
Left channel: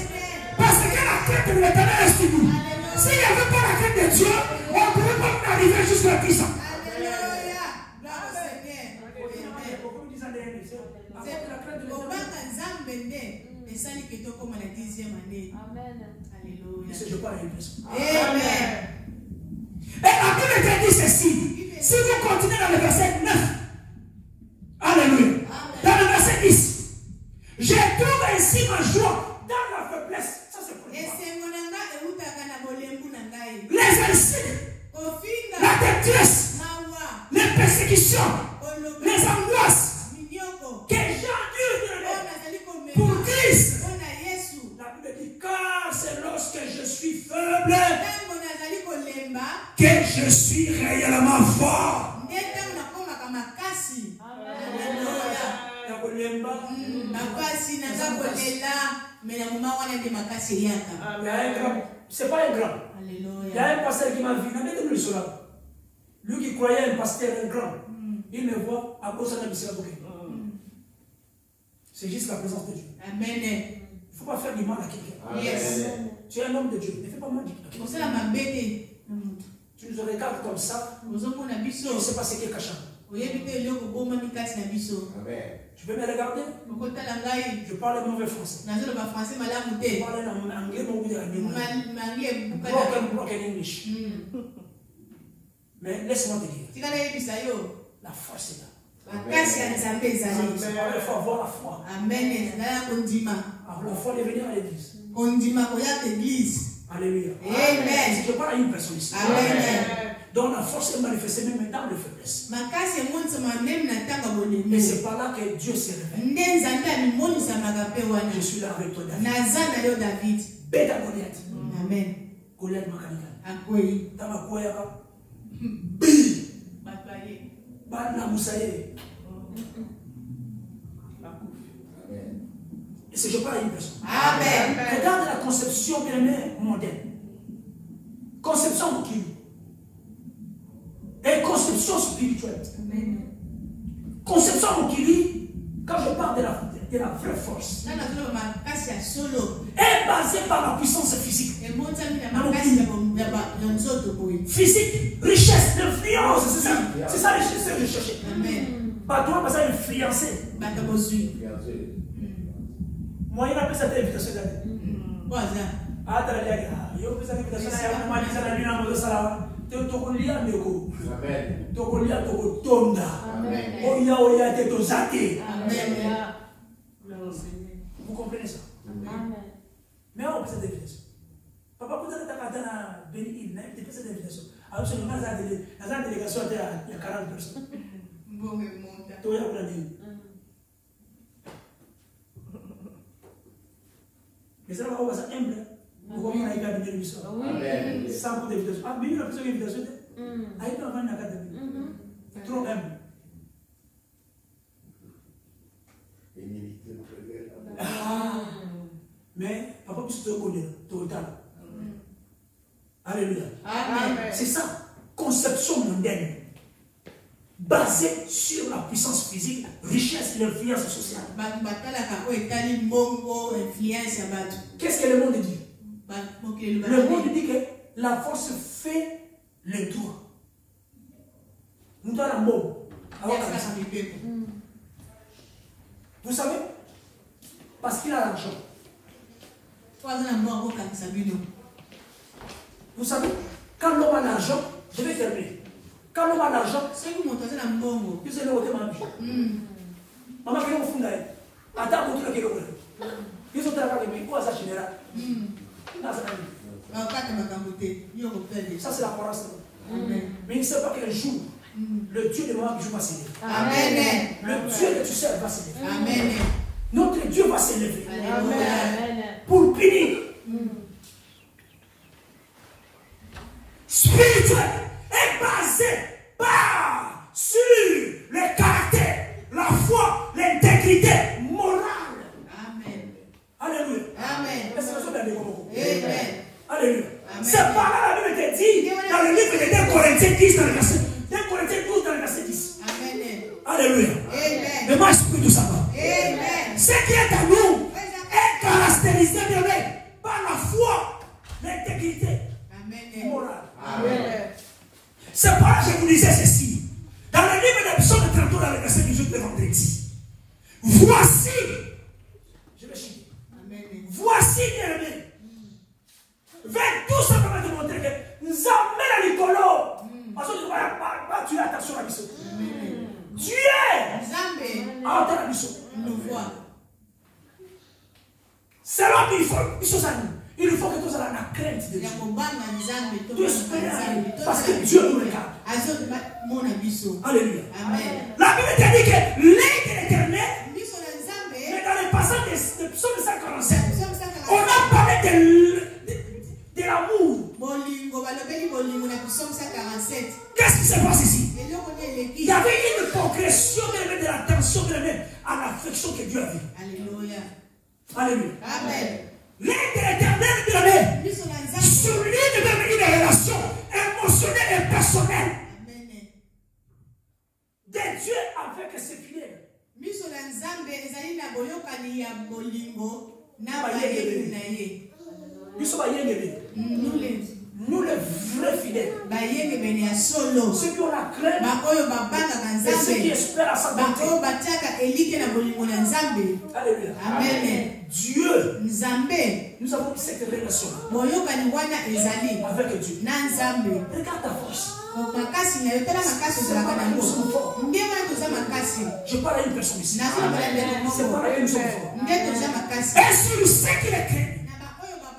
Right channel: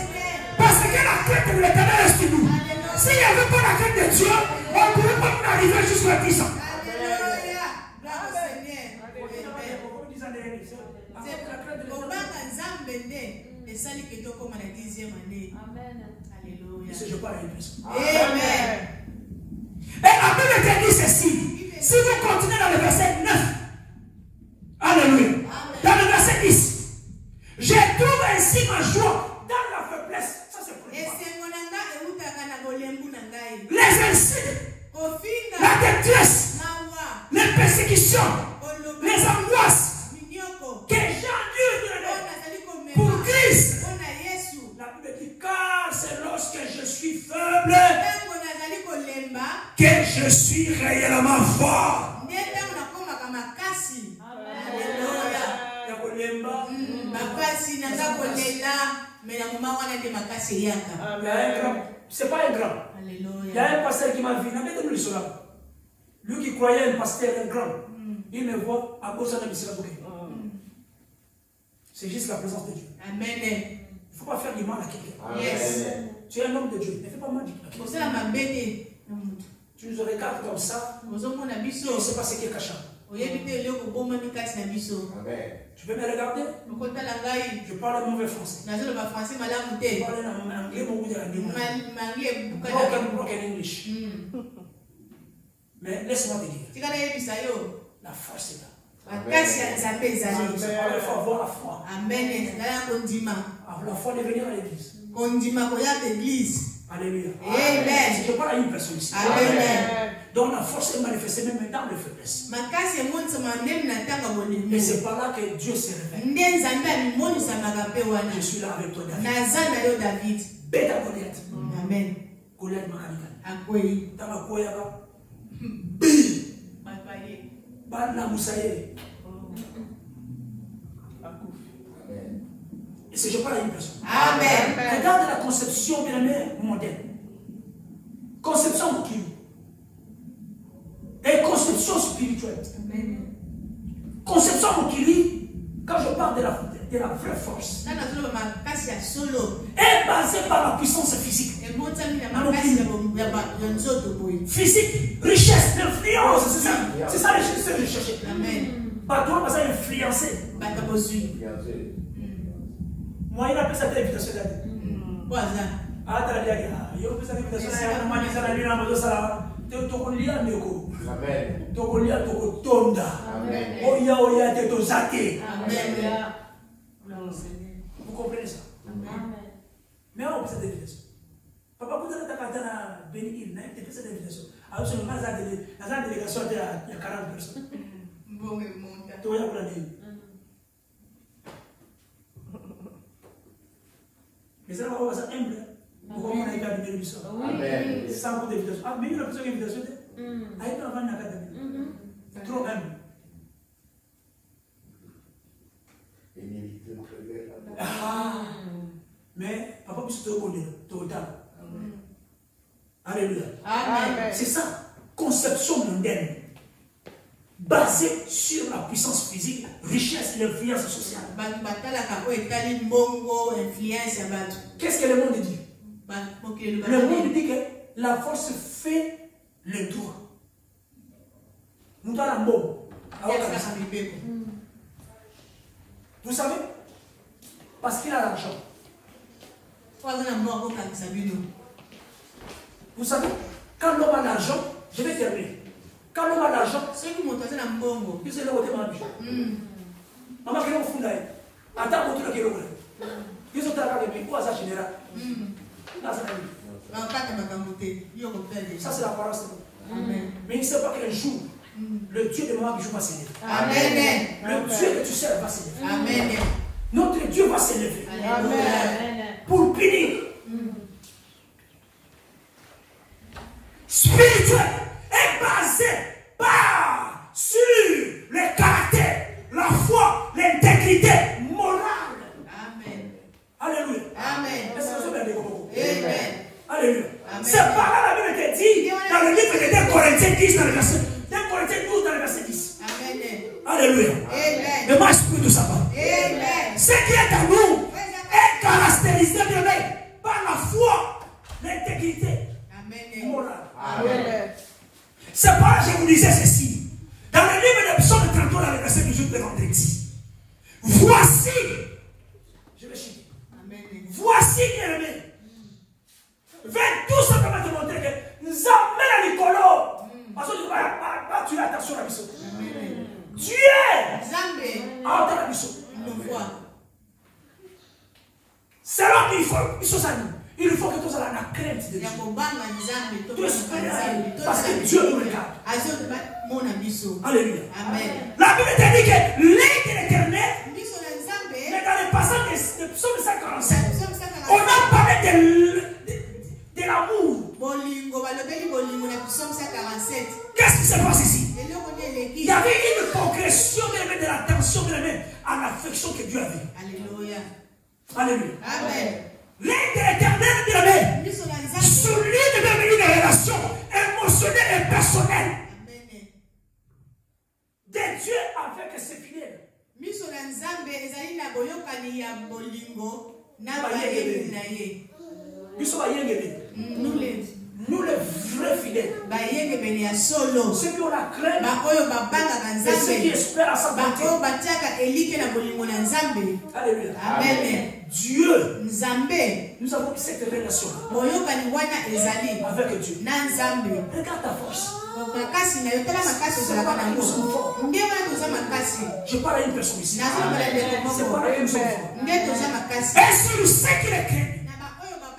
Parce que la crainte de l'éternel est sur nous. S'il n'y avait pas la crainte de Dieu, on ne pourrait pas arriver jusqu'à puissant. Et je parle à une personne. Et la Bible dit ceci. Si vous continuez dans le verset 9, alléluia, dans le verset 10, je trouve ainsi ma joie dans la faiblesse. Ça c'est pour les insultes, la détresse, les persécutions, les angoisses que j'ai endues pour Christ. La Bible dit, car c'est lorsque je suis faible que je suis réellement fort. C'est pas un grand. Il y a un pasteur qui m'a vu. Lui qui croyait un pasteur, un grand. Il me voit à cause de la mission. C'est juste la présence de Dieu. Amen. Il ne faut pas faire du mal à quelqu'un. Yes. Tu es un homme de Dieu. Ne fais pas mal à quelqu'un. Tu nous regardes comme ça. Tu ne sais pas ce qui est caché. Tu peux me regarder? Je parle mauvais français. Je parle anglais, broken English. Mais laisse-moi te dire. La force est là. Il faut avoir la foi. La foi de venir à l'église. Alléluia. Amen. Je parle à une personne ici. Amen. Donc la force est manifestée même dans les faiblesses. Et c'est par là que Dieu se révèle. Je suis là avec toi, David. Bête à Goliath. Amen. Goliath Makanika. Tamakoyaba. Bana Moussaïe. Et c'est je parle à une personne. Amen. Regarde la conception bien aimée moderne. Conception mokili. Et conception spirituelle. Amen. Conception mokili, quand je parle de la vraie force, est basée par la puissance physique. Physique, richesse, influence. C'est ça les choses que je cherchais. Pas toi, pas ça influencer. Moi, il appelle ça l'invitation. Ah, t'as l'air. Il appelle ça l'invitation. C'est un mali, ça n'a rien à voir ça. Tokolia Neko. Tokolia Tokotonda. Oya Oya Tetozate. Vous comprenez ça? Mais on peut cette invitation. Papa, vous avez ta béni, il n'a pas cette invitation. Alors, c'est la délégation, il y a 40 personnes. Toi, il y a plein de. Mais ça va être humble. Pourquoi on a été à l'émission? Sans compte d'invitation. Ah, mais il a plus d'invitation. Ah, il a pas de trop humble. Ah, mais papa, puisque tu connais, tu es autant. Alléluia. C'est ça, conception mondaine. Basée sur la puissance physique, richesse et l'influence sociale. Qu'est-ce que le monde dit? Le monde dit que la force fait le tour. Nous avons un mot. Vous savez? Parce qu'il a l'argent. Vous savez? Quand l'homme a l'argent, je vais terminer. Quand l'homme a l'argent, c'est le côté manche. Maman, qui est au fond d'ailleurs. Attends, vous avez ils ont travaillé, quoi ça général? Ça, c'est la parole. Mais il ne sait pas qu'un jour, le Dieu de Maman va s'élever. Amen. Le Dieu que tu sers va s'élever. Amen. Notre Dieu va s'élever. Pour punir. Spirituel est basé sur le caractère, la foi, l'intégrité morale. Amen. Alléluia. Amen. Alléluia. C'est par là la Bible te dit dans le livre de 2 Corinthiens 10 dans le verset 2 Corinthiens 12 dans le verset 10. Amen. Alléluia. Le mot esprit de sabbat. Ce qui est en nous est caractérisé par la foi, l'intégrité morale. Amen. C'est pas je vous disais ceci. Dans le livre de Psaume 33, dans le verset 18 de vendredi. Voici. Je vais chier. Voici, bien-aimé. Vers tout ça, on va te montrer que nous amène à l'écolo. Parce que tu as attention à la mission. Dieu a la mission. C'est là qu'il faut il faut que tu aies la crainte de Dieu. Tu espères parce que Dieu nous regarde. Alléluia. La Bible te dit que l'œil de l'Éternel, mais dans le passage de Psaume 147, on a parlé de l'amour. Qu'est-ce qui se passe ici? Il y avait une progression de l'attention à l'affection que Dieu avait. Alléluia. Alléluia. Amen. L'œil de l'Éternel, celui de devenir des relations émotionnelles et personnelles de Dieu avec ses fidèles. Nous les vrais fidèles, ceux qui ont la crainte, et ceux qui espèrent à sa bonté. Alléluia. Amen. Dieu, nous avons cette relation avec Dieu. Regarde ta force. Je parle à une personne ici. C'est pas la une seule fois. Est-ce que vous savez qu'il est craint?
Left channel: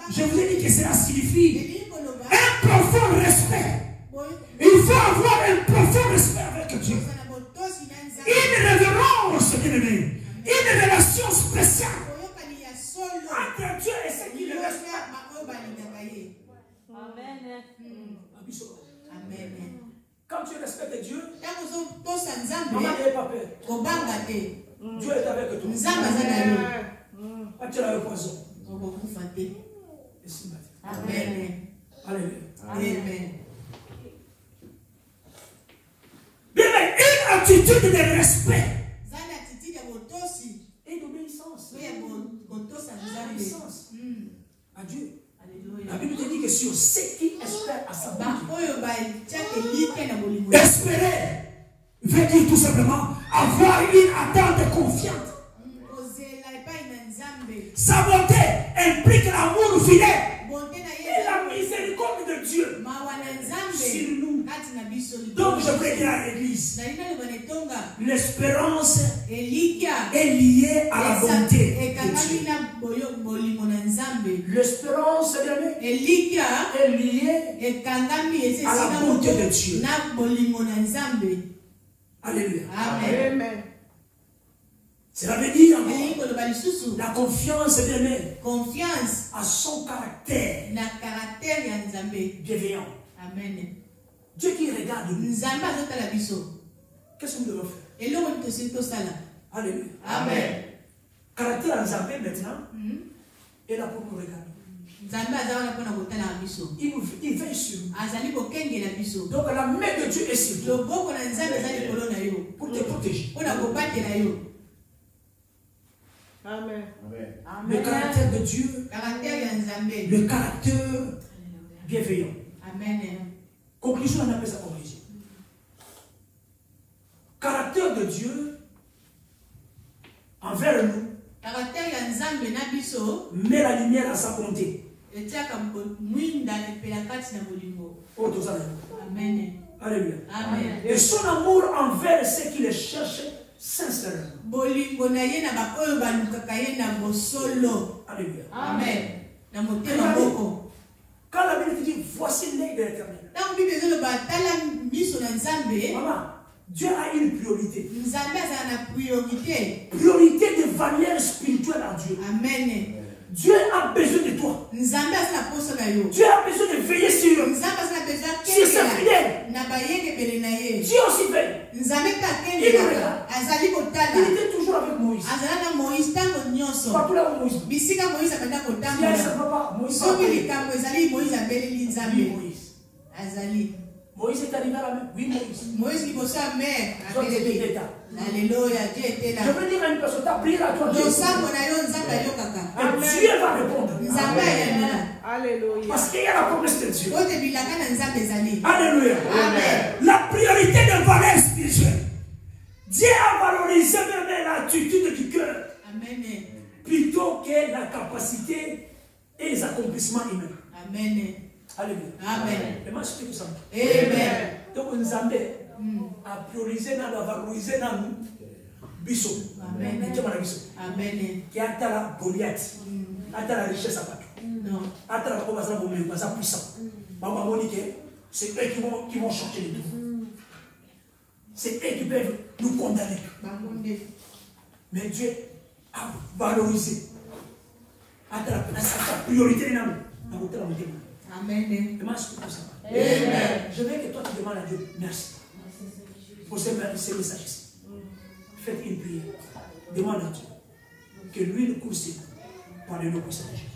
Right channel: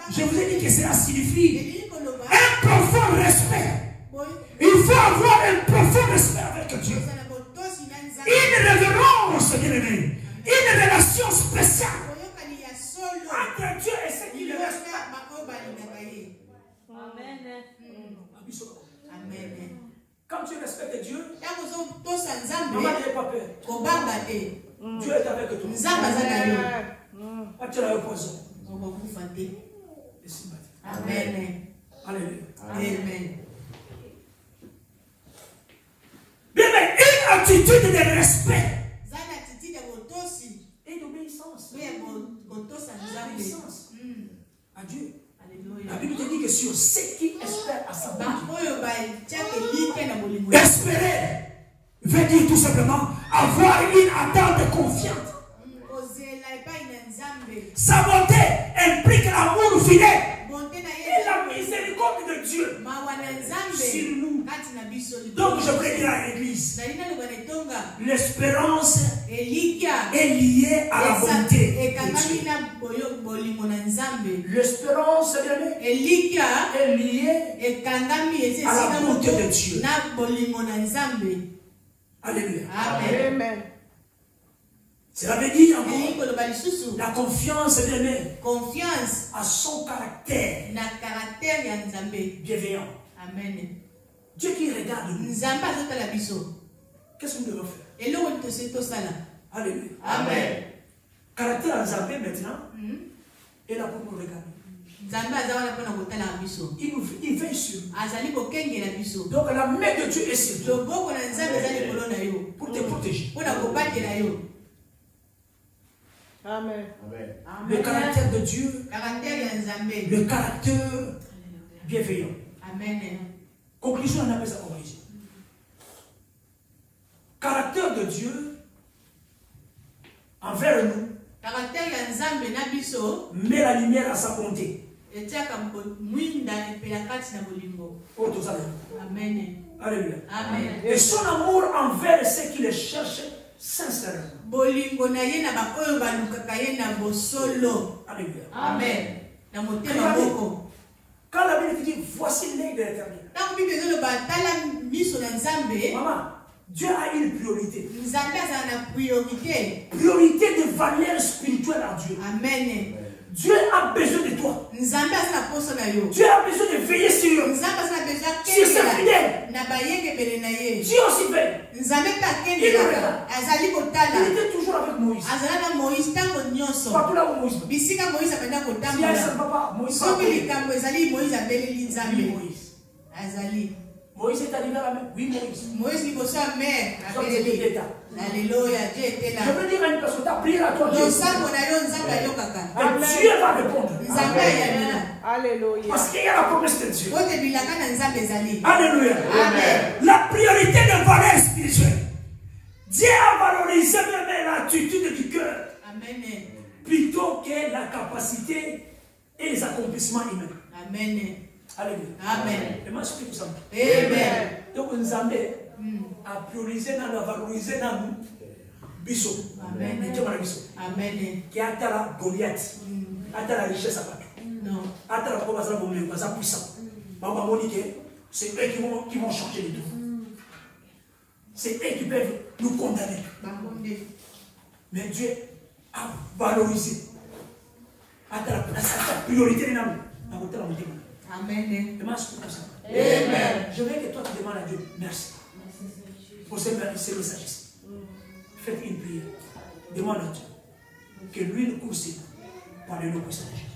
Je vous ai dit que cela signifie un profond respect. Il faut avoir un profond respect avec Dieu. Une révérence, une relation spéciale entre Dieu et ceux qui le respectent. Amen. Quand tu respectes Dieu, maman n'ayez pas peur. Dieu est avec toi. Tu as le poison. Amen. Alléluia. Amen. Bien, mais une attitude de respect et d'obéissance. Obéissance à Dieu. La Bible te dit que sur ceux qui espèrent à sa bonté, espérer veut dire tout simplement avoir une attente confiante. Sa bonté implique l'amour fidèle et la miséricorde de Dieu sur nous. Donc je veux dire à l'église, l'espérance est liée à la bonté de Dieu. L'espérance est liée à la bonté de Dieu. Alléluia. Amen. Cela veut dire la confiance à son caractère bienveillant. Amen. Dieu qui regarde nous. Qu'est-ce que nous devons faire? Alléluia. Amen. Caractère en Zambé maintenant est là pour nous regarder. Il veille sur nous. Donc la main de Dieu est sur toi pour te protéger. Amen. Le caractère de Dieu, le caractère bienveillant. Amen. Conclusion, on appelle ça conclusion. Caractère de Dieu envers nous met la lumière à sa bonté. Amen. Alléluia. Amen. Et son amour envers ceux qui le cherchent sincèrement. Alléluia. Amen. Quand la Bible dit voici l'œil de l'Éternel. Maman, Dieu a une priorité. Priorité de valeur spirituelle en Dieu. Amen. Dieu a besoin de toi. Dieu a besoin de veiller sur eux. Sur ses fidèles. Dieu aussi veille. Il était toujours avec Moïse. Partout là où Moïse. Si elle ne va pas, Moïse va payer. Moïse est arrivé à la mer. Oui, Moïse. Alléluia. Je veux dire à une personne, t'as prié à toi. Et Dieu va répondre. Alléluia. Parce qu'il y a la promesse de Dieu. Alléluia. Amen. La priorité de valeur spirituelle. Dieu a valorisé même l'attitude du cœur. Amen. Plutôt que la capacité et les accomplissements humains. Amen. Alléluia. Amen. Et moi, je suis tout ça. Amen. Donc, Nzambe a priorisé, a valorisé biso. Amen. Qui a la Goliath, a la richesse à partout. A la puissant. C'est eux qui vont changer les tout. C'est eux qui peuvent nous condamner. Mais Dieu a valorisé. A la priorité. Amen. Je veux que toi tu demandes à Dieu merci pour ces messages. Faites une prière. Demande à Dieu que lui nous considère par le nom puissant de Jésus.